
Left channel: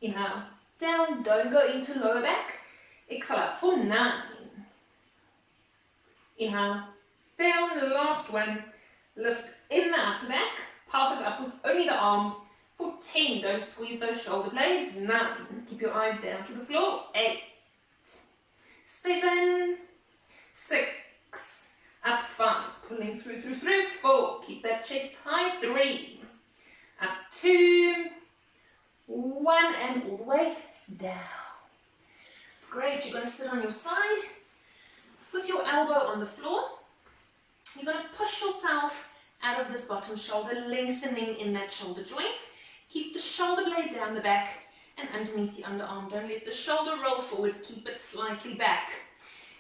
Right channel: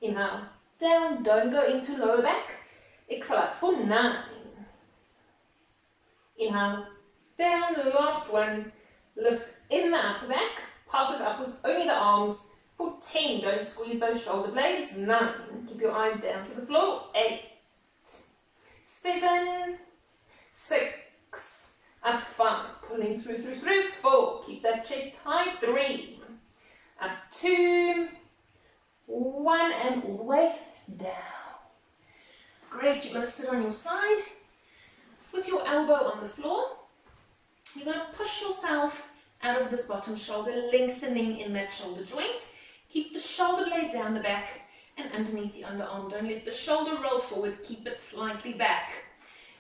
Inhale, down. Don't go into lower back. Exhale up for 9. Inhale, down. The last one. Lift in the upper back. Passes up with only the arms for 10. Don't squeeze those shoulder blades. 9. Keep your eyes down to the floor. 8. 7. 6. Up 5. Pulling through. 4. Keep that chest high. 3. Up 2. 1. And all the way down. Great. You're going to sit on your side with your elbow on the floor. You're going to push yourself out of this bottom shoulder, lengthening in that shoulder joint. Keep the shoulder blade down the back and underneath the underarm. Don't let the shoulder roll forward. Keep it slightly back.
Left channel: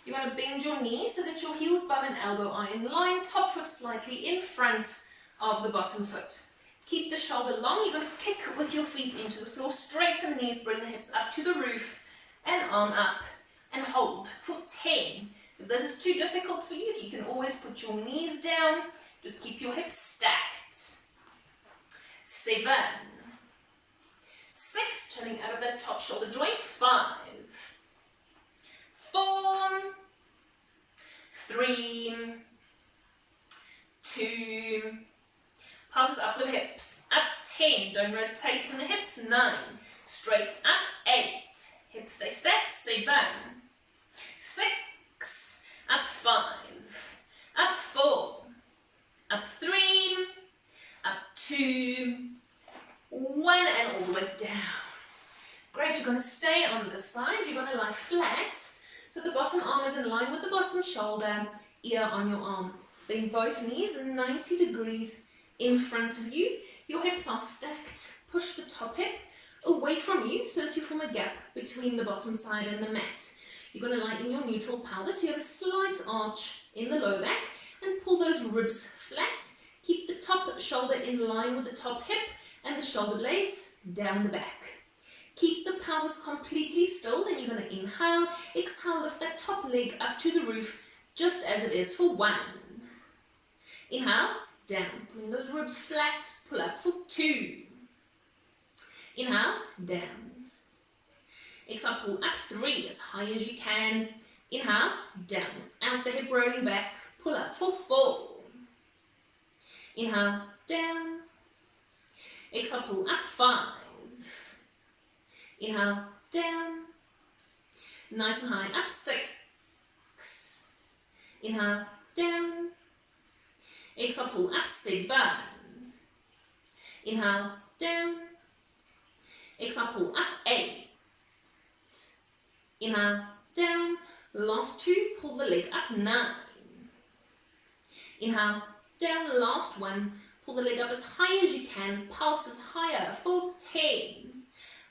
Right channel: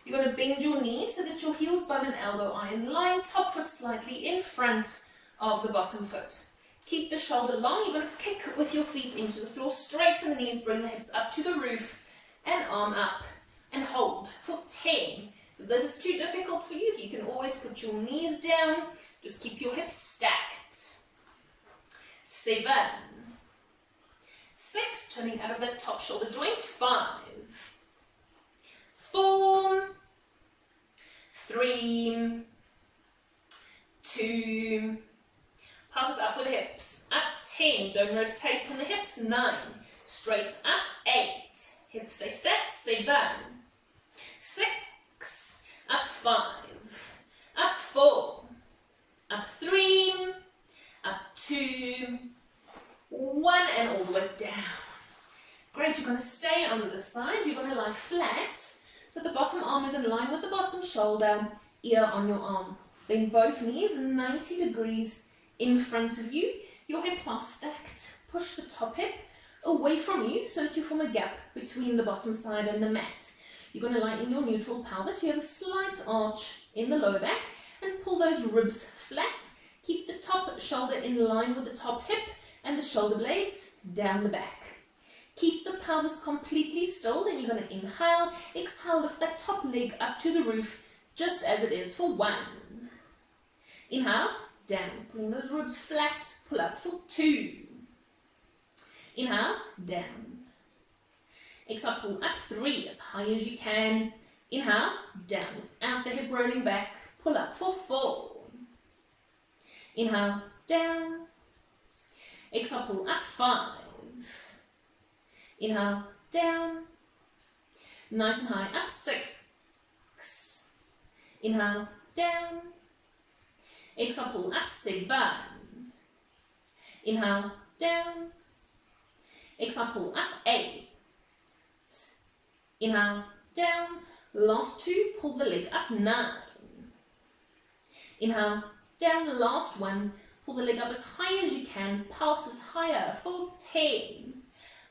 You're going to bend your knees so that your heels, bum and elbow are in line. Top foot slightly in front of the bottom foot. Keep the shoulder long. You're going to kick with your feet into the floor. Straighten the knees. Bring the hips up to the roof and arm up. And hold for 10. If this is too difficult for you, you can always put your knees down. Just keep your hips stacked. 7. 6. Turning out of that top shoulder joint. 5. 4. 3. 2. Passes up with hips. Up 10. Don't rotate on the hips. 9. Straight up. 8. Hips stay stacked. 7. 6. Up 5. Up 4. up 3, up 2, 1, and all the way down. Great, you're going to stay on this side. You're going to lie flat, so the bottom arm is in line with the bottom shoulder, ear on your arm. Bend both knees 90 degrees in front of you. Your hips are stacked. Push the top hip away from you so that you form a gap between the bottom side and the mat. You're going to lie in your neutral pelvis. You have a slight arch in the lower back and pull those ribs flat. Keep the top shoulder in line with the top hip and the shoulder blades down the back. Keep the pelvis completely still. Then you're going to inhale, exhale, lift that top leg up to the roof just as it is for 1. Inhale, down, pulling those ribs flat, pull up for 2. Inhale, down. Exhale, pull up 3 as high as you can. Inhale, down, without the hip rolling back, pull up for 4. Inhale, down. Exhale, pull up 5. Inhale, down. Nice and high, up 6. Inhale, down. Exhale, pull up 7. Inhale, down. Exhale, pull up 8. Inhale, down. Last 2, pull the leg up 9. Inhale, down. Last 1, pull the leg up as high as you can. Pulses higher for 10.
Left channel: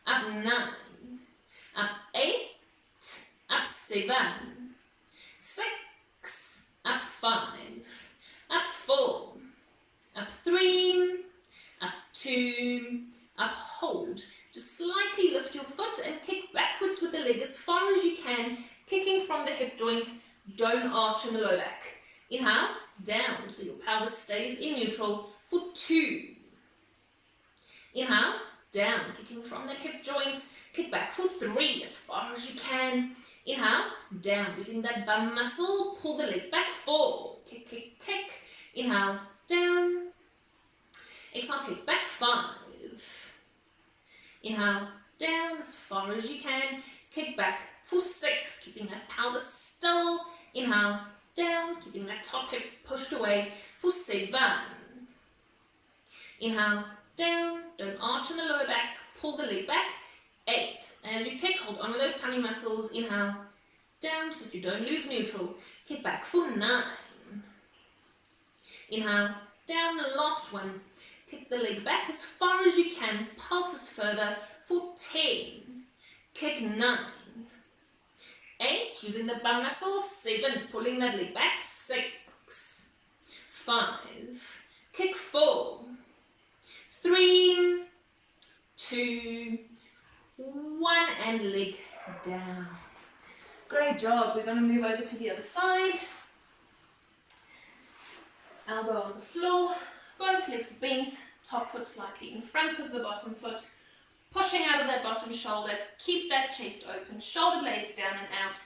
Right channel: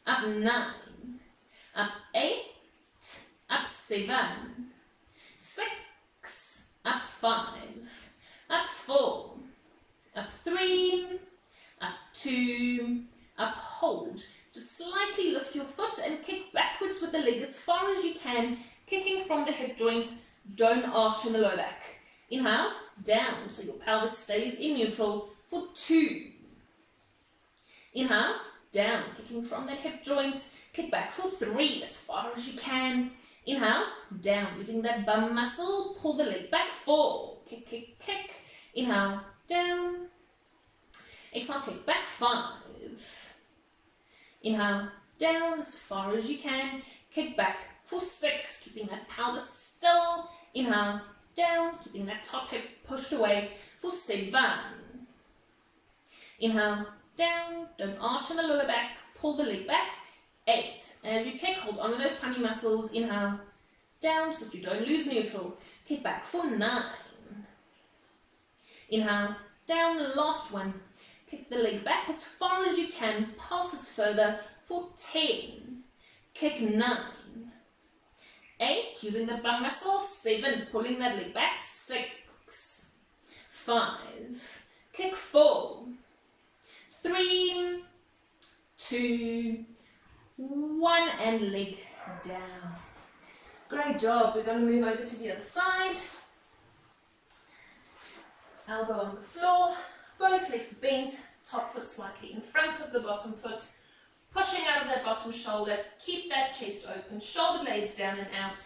Up 9. Up 8. Up 7. 6. Up 5. Up 4, up 3, up 2, up hold. Just slightly lift your foot and kick backwards with the leg as far as you can, kicking from the hip joint. Don't arch in the low back. Inhale, down, so your pelvis stays in neutral for 2. Inhale, down, kicking from that hip joint. Kick back for 3 as far as you can. Inhale, down, using that bum muscle. Pull the leg back, 4. Kick, kick, kick. Inhale, down. Exhale, kick back, 5. Inhale, down as far as you can. Kick back for 6, keeping that pelvis still. Inhale, down, keeping that top hip pushed away for 7. Inhale, down, don't arch in the lower back, pull the leg back. 8. As you kick, hold on with those tummy muscles. Inhale, down so that you don't lose neutral. Kick back for 9. Inhale, down, the last 1. Kick the leg back as far as you can, pulses further for 10. Kick 9. 8, using the bum muscle. 7, pulling that leg back. 6. 5. Kick 4. 3. 2. 1, and leg down. Great job. We're going to move over to the other side. Elbow on the floor, both legs bent, top foot slightly in front of the bottom foot, pushing out of that bottom shoulder. Keep that chest open, shoulder blades down and out.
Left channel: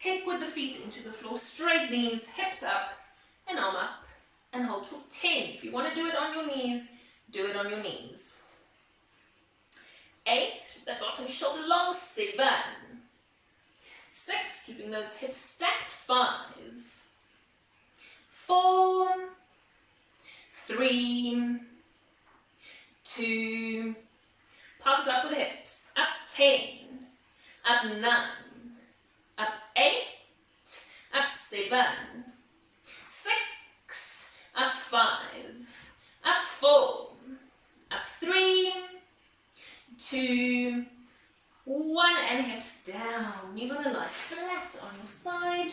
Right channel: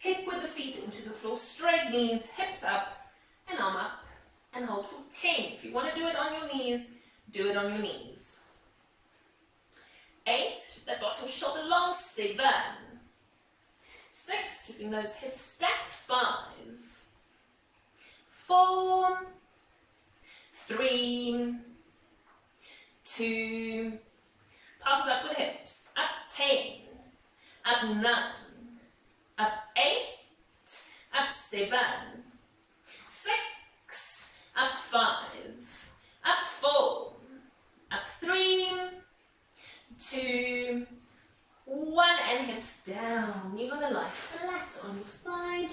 Kick with the feet into the floor, straight knees, hips up, and arm up, and hold for 10. If you want to do it on your knees, do it on your knees. 8, that bottom shoulder long. 7. 6, keeping those hips stacked. 5. 4, 3, 2, passes up with the hips, up 10, up 9, up 8, up 7, 6, up 5, up 4, up 3, 2, 1, and hips down. You're going to lie flat on your side.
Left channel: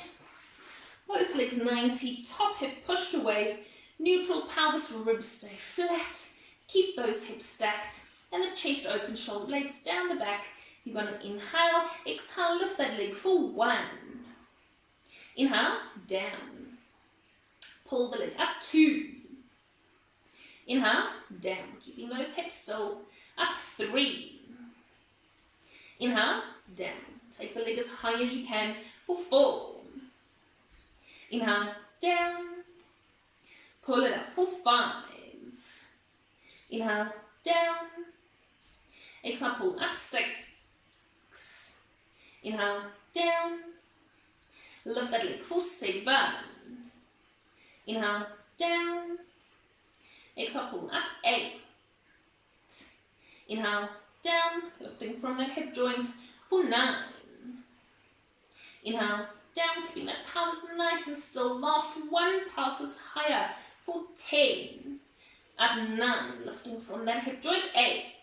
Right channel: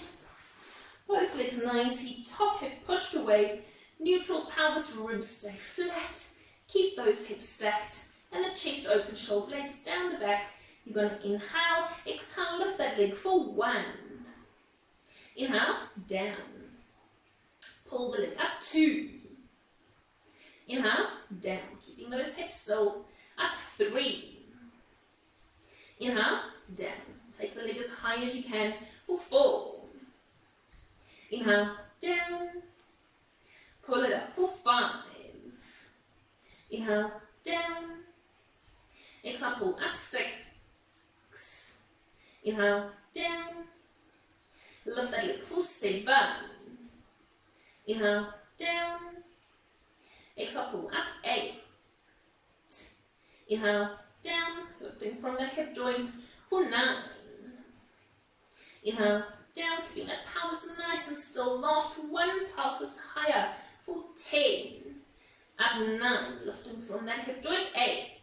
Both legs 90, top hip pushed away, neutral pelvis, ribs stay flat. Keep those hips stacked and the chest open, shoulder blades down the back. You're going to inhale, exhale, lift that leg for 1. Inhale, down. Pull the leg up, 2. Inhale, down, keeping those hips still, up 3. Inhale, down. Take the leg as high as you can for 4. Inhale, down. Pull it up for 5. Inhale, down. Exhale, pull up 6. Inhale, down. Lift that leg for 7. Inhale, down. Exhale, pull up, 8. Inhale, down, lifting from that hip joint for 9. Inhale, down, keeping that pelvis nice and still. Last one, pulses higher for 10. Up 9, lifting from that hip joint, 8.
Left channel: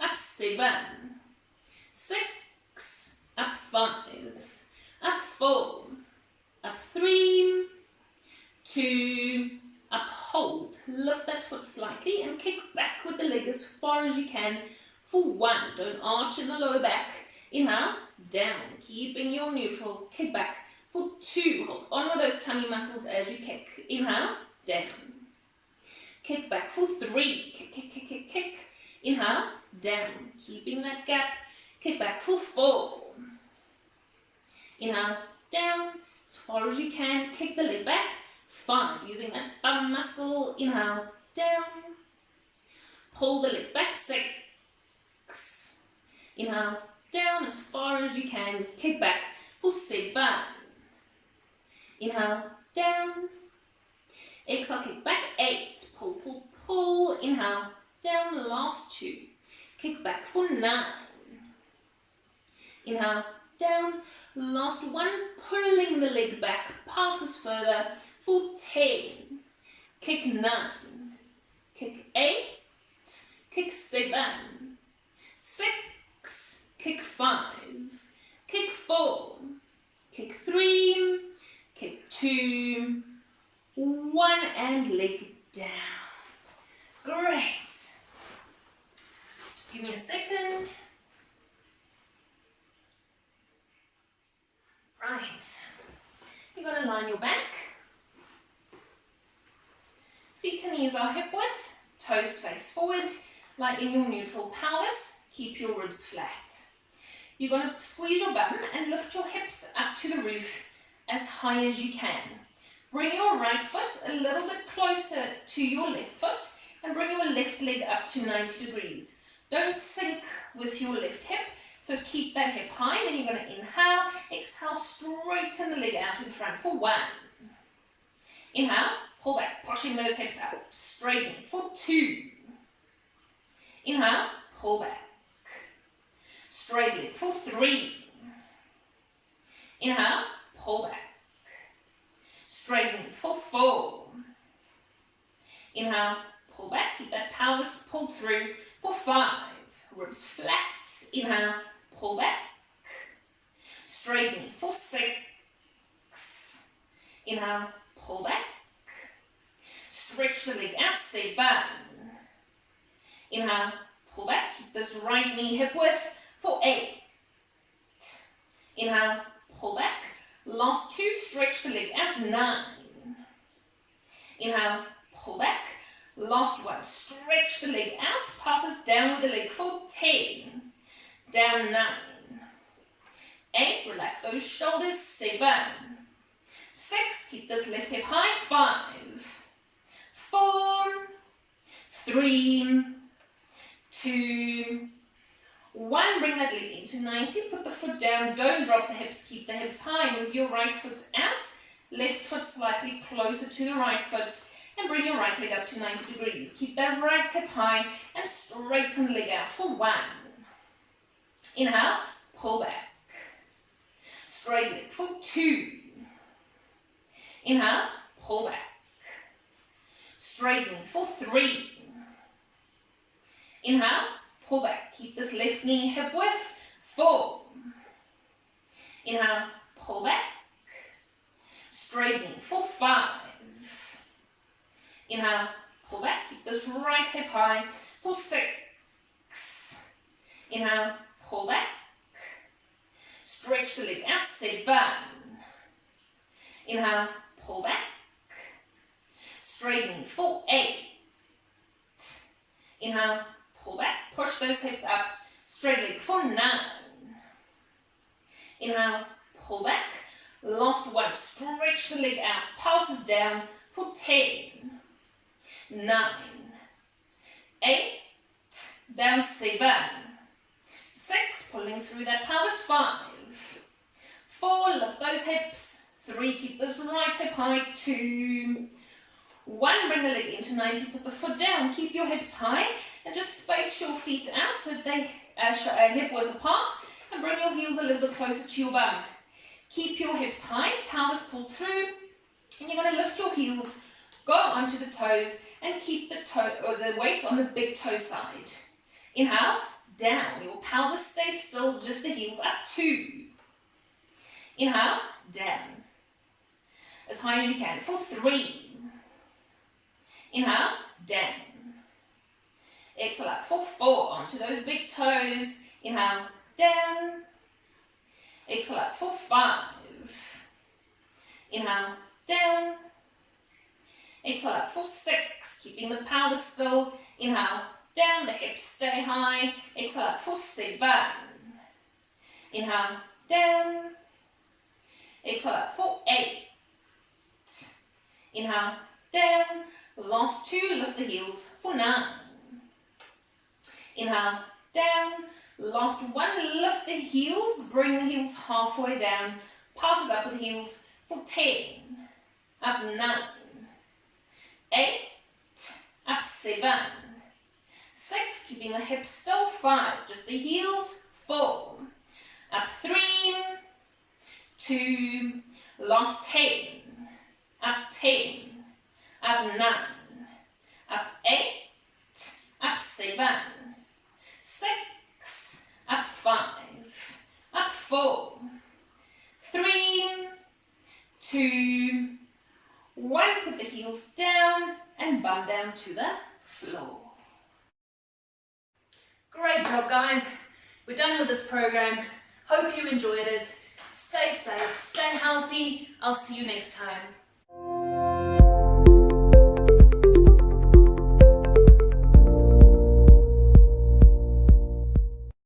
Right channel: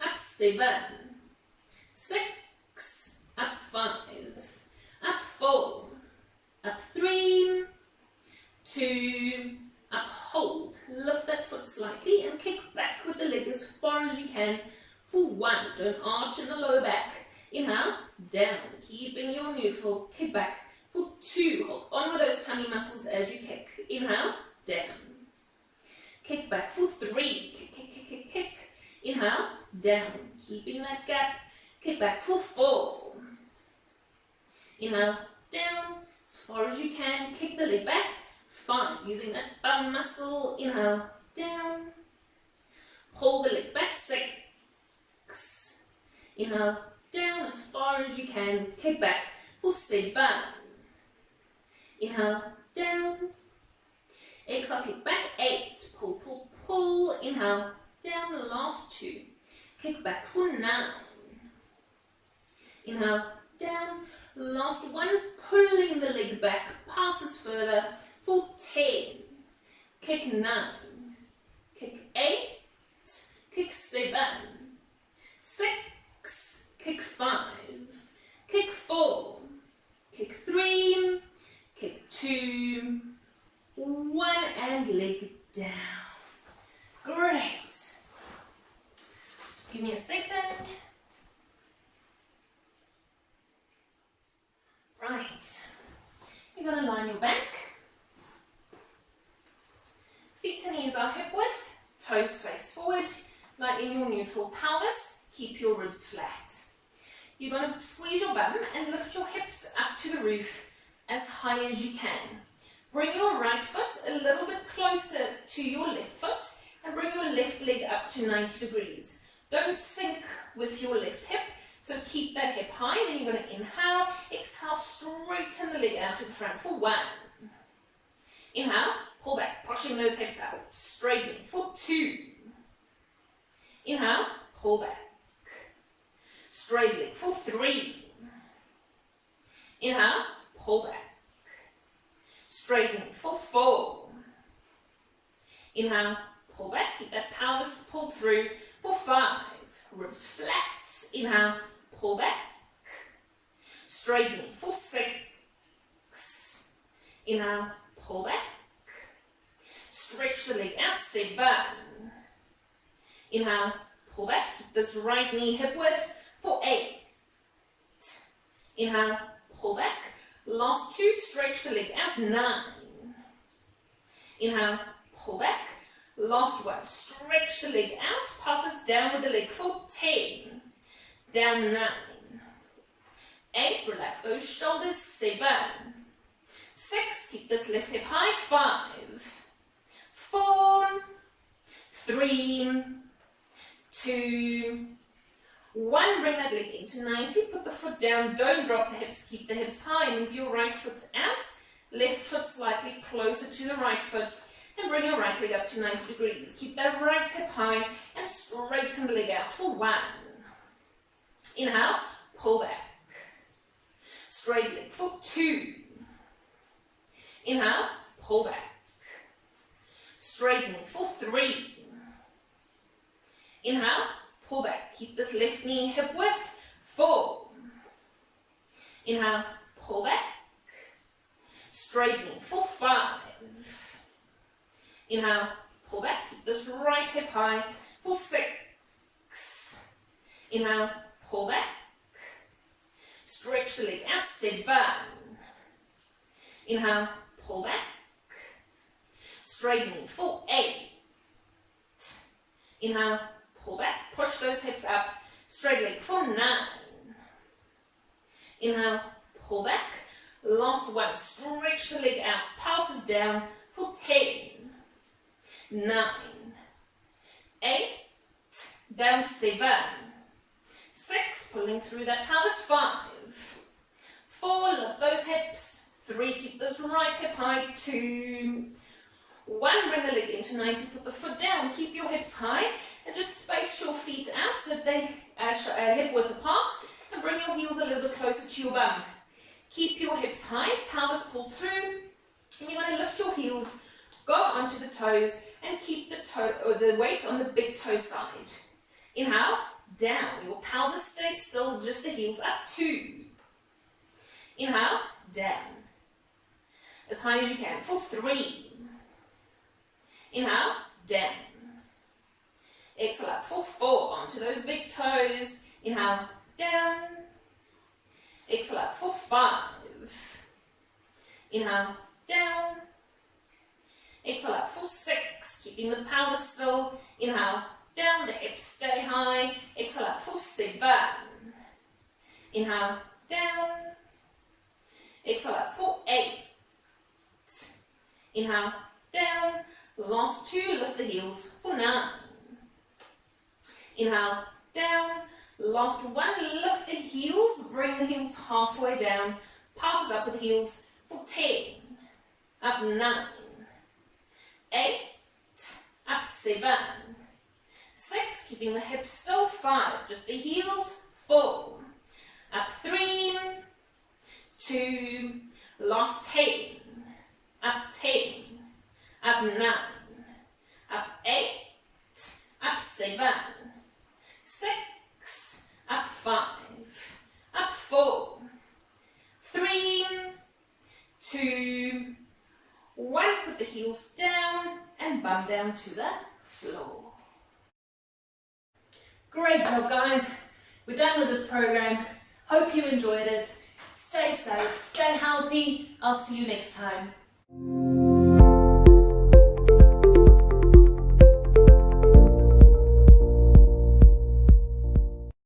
Up 7. 6. Up 5. Up 4. Up 3. 2. Up, hold. Lift that foot slightly and kick back with the leg as far as you can for 1. Don't arch in the lower back. Inhale, down, keeping your neutral. Kick back for 2. Hold on with those tummy muscles as you kick. Inhale, down. Kick back for 3. Kick, kick, kick, kick, kick. Inhale, down, keeping that gap. Kick back for 4. Inhale, down, as far as you can. Kick the leg back. 5, using that bum muscle. Inhale, down. Pull the leg back. 6. Inhale, down as far as you can. Kick back for 7. Inhale, down. Exhale, kick back. 8. Pull, pull, pull. Inhale, down. The last 2. Kick back for 9. Inhale, down. Last 1. Pulling the leg back. Passes further for 10. Kick 9. Kick 8. Kick 7. 6. Kick 5. Kick 4. Kick 3. Kick 2. 1 and leg down. Great. Just give me a second. Right. You're going to line your back. Feet and knees are hip width. Toes face forward. Lighten your neutral pelvis. Keep your ribs flat. You're going to squeeze your bum and lift your hips up to the roof as high as you can. Bring your right foot a little bit closer to your left foot and bring your left leg up to 90 degrees. Don't sink with your left hip, so keep that hip high. Then you're going to inhale, exhale, straighten the leg out to the front for 1. Inhale, pull back, pushing those hips up, straighten for 2. Inhale, pull back. Straight leg for 3. Inhale, pull back. Straighten for 4. Inhale, pull back. Keep that pelvis pulled through for 5. Ribs flat. Inhale, pull back. Straighten for 6. Inhale, pull back. Stretch the leg out. 7. Inhale, pull back. Keep this right knee hip width for 8. Inhale, pull back. Last 2, stretch the leg out. 9. Inhale, pull back. Last 1, stretch the leg out. Passes down with the leg for 10. Down 9. 8, relax those shoulders. 7. 6, keep this left hip high. 5. 4. 3. 2. 1, bring that leg into 90, put the foot down, don't drop the hips, keep the hips high, move your right foot out, left foot slightly closer to the right foot, and bring your right leg up to 90 degrees. Keep that right hip high and straighten the leg out for 1. Inhale, pull back. Straight leg for 2. Inhale, pull back. Straighten for 3. Inhale, pull back. Keep this left knee hip width. 4. Inhale, pull back. Straight knee for 5. Inhale, pull back. Keep this right hip high for 6. Inhale, pull back. Stretch the leg out. 7. Inhale, pull back. Straight knee for 8. Inhale, pull back, push those hips up, straight leg for 9. Inhale, pull back. Last 1, stretch the leg out, pulses down for 10. 9. 8. Down 7. 6, pulling through that pelvis. 5. 4, lift those hips. 3, keep this right hip high. 2. 1, bring the leg into 90, put the foot down, keep your hips high, and just space your feet out so that they hip width apart, and bring your heels a little bit closer to your bum. Keep your hips high, pelvis pulled through, and you're going to lift your heels, go onto the toes, and keep the weight on the big toe side. Inhale, down, your pelvis stays still, just the heels up, 2. Inhale, down, as high as you can, for 3. Inhale, down. Exhale up for 4, onto those big toes. Inhale, down. Exhale up for 5. Inhale, down. Exhale up for 6, keeping the pelvis still. Inhale, down, the hips stay high. Exhale up for 7. Inhale, down. Exhale up for 8. Inhale, down. Last 2, lift the heels for 9. Inhale, down. Last 1, lift the heels, bring the heels halfway down. Passes up with the heels for 10. Up 9. 8. Up 7. 6, keeping the hips still. 5, just the heels. 4. Up 3. 2. Last 10. Up 10. Up 9. Up 8. Up 7. 6. Up 5. Up 4. 3. 2. 1. Put the heels down and bum down to the floor. Great job, guys. We're done with this program. Hope you enjoyed it. Stay safe, stay healthy. I'll see you next time.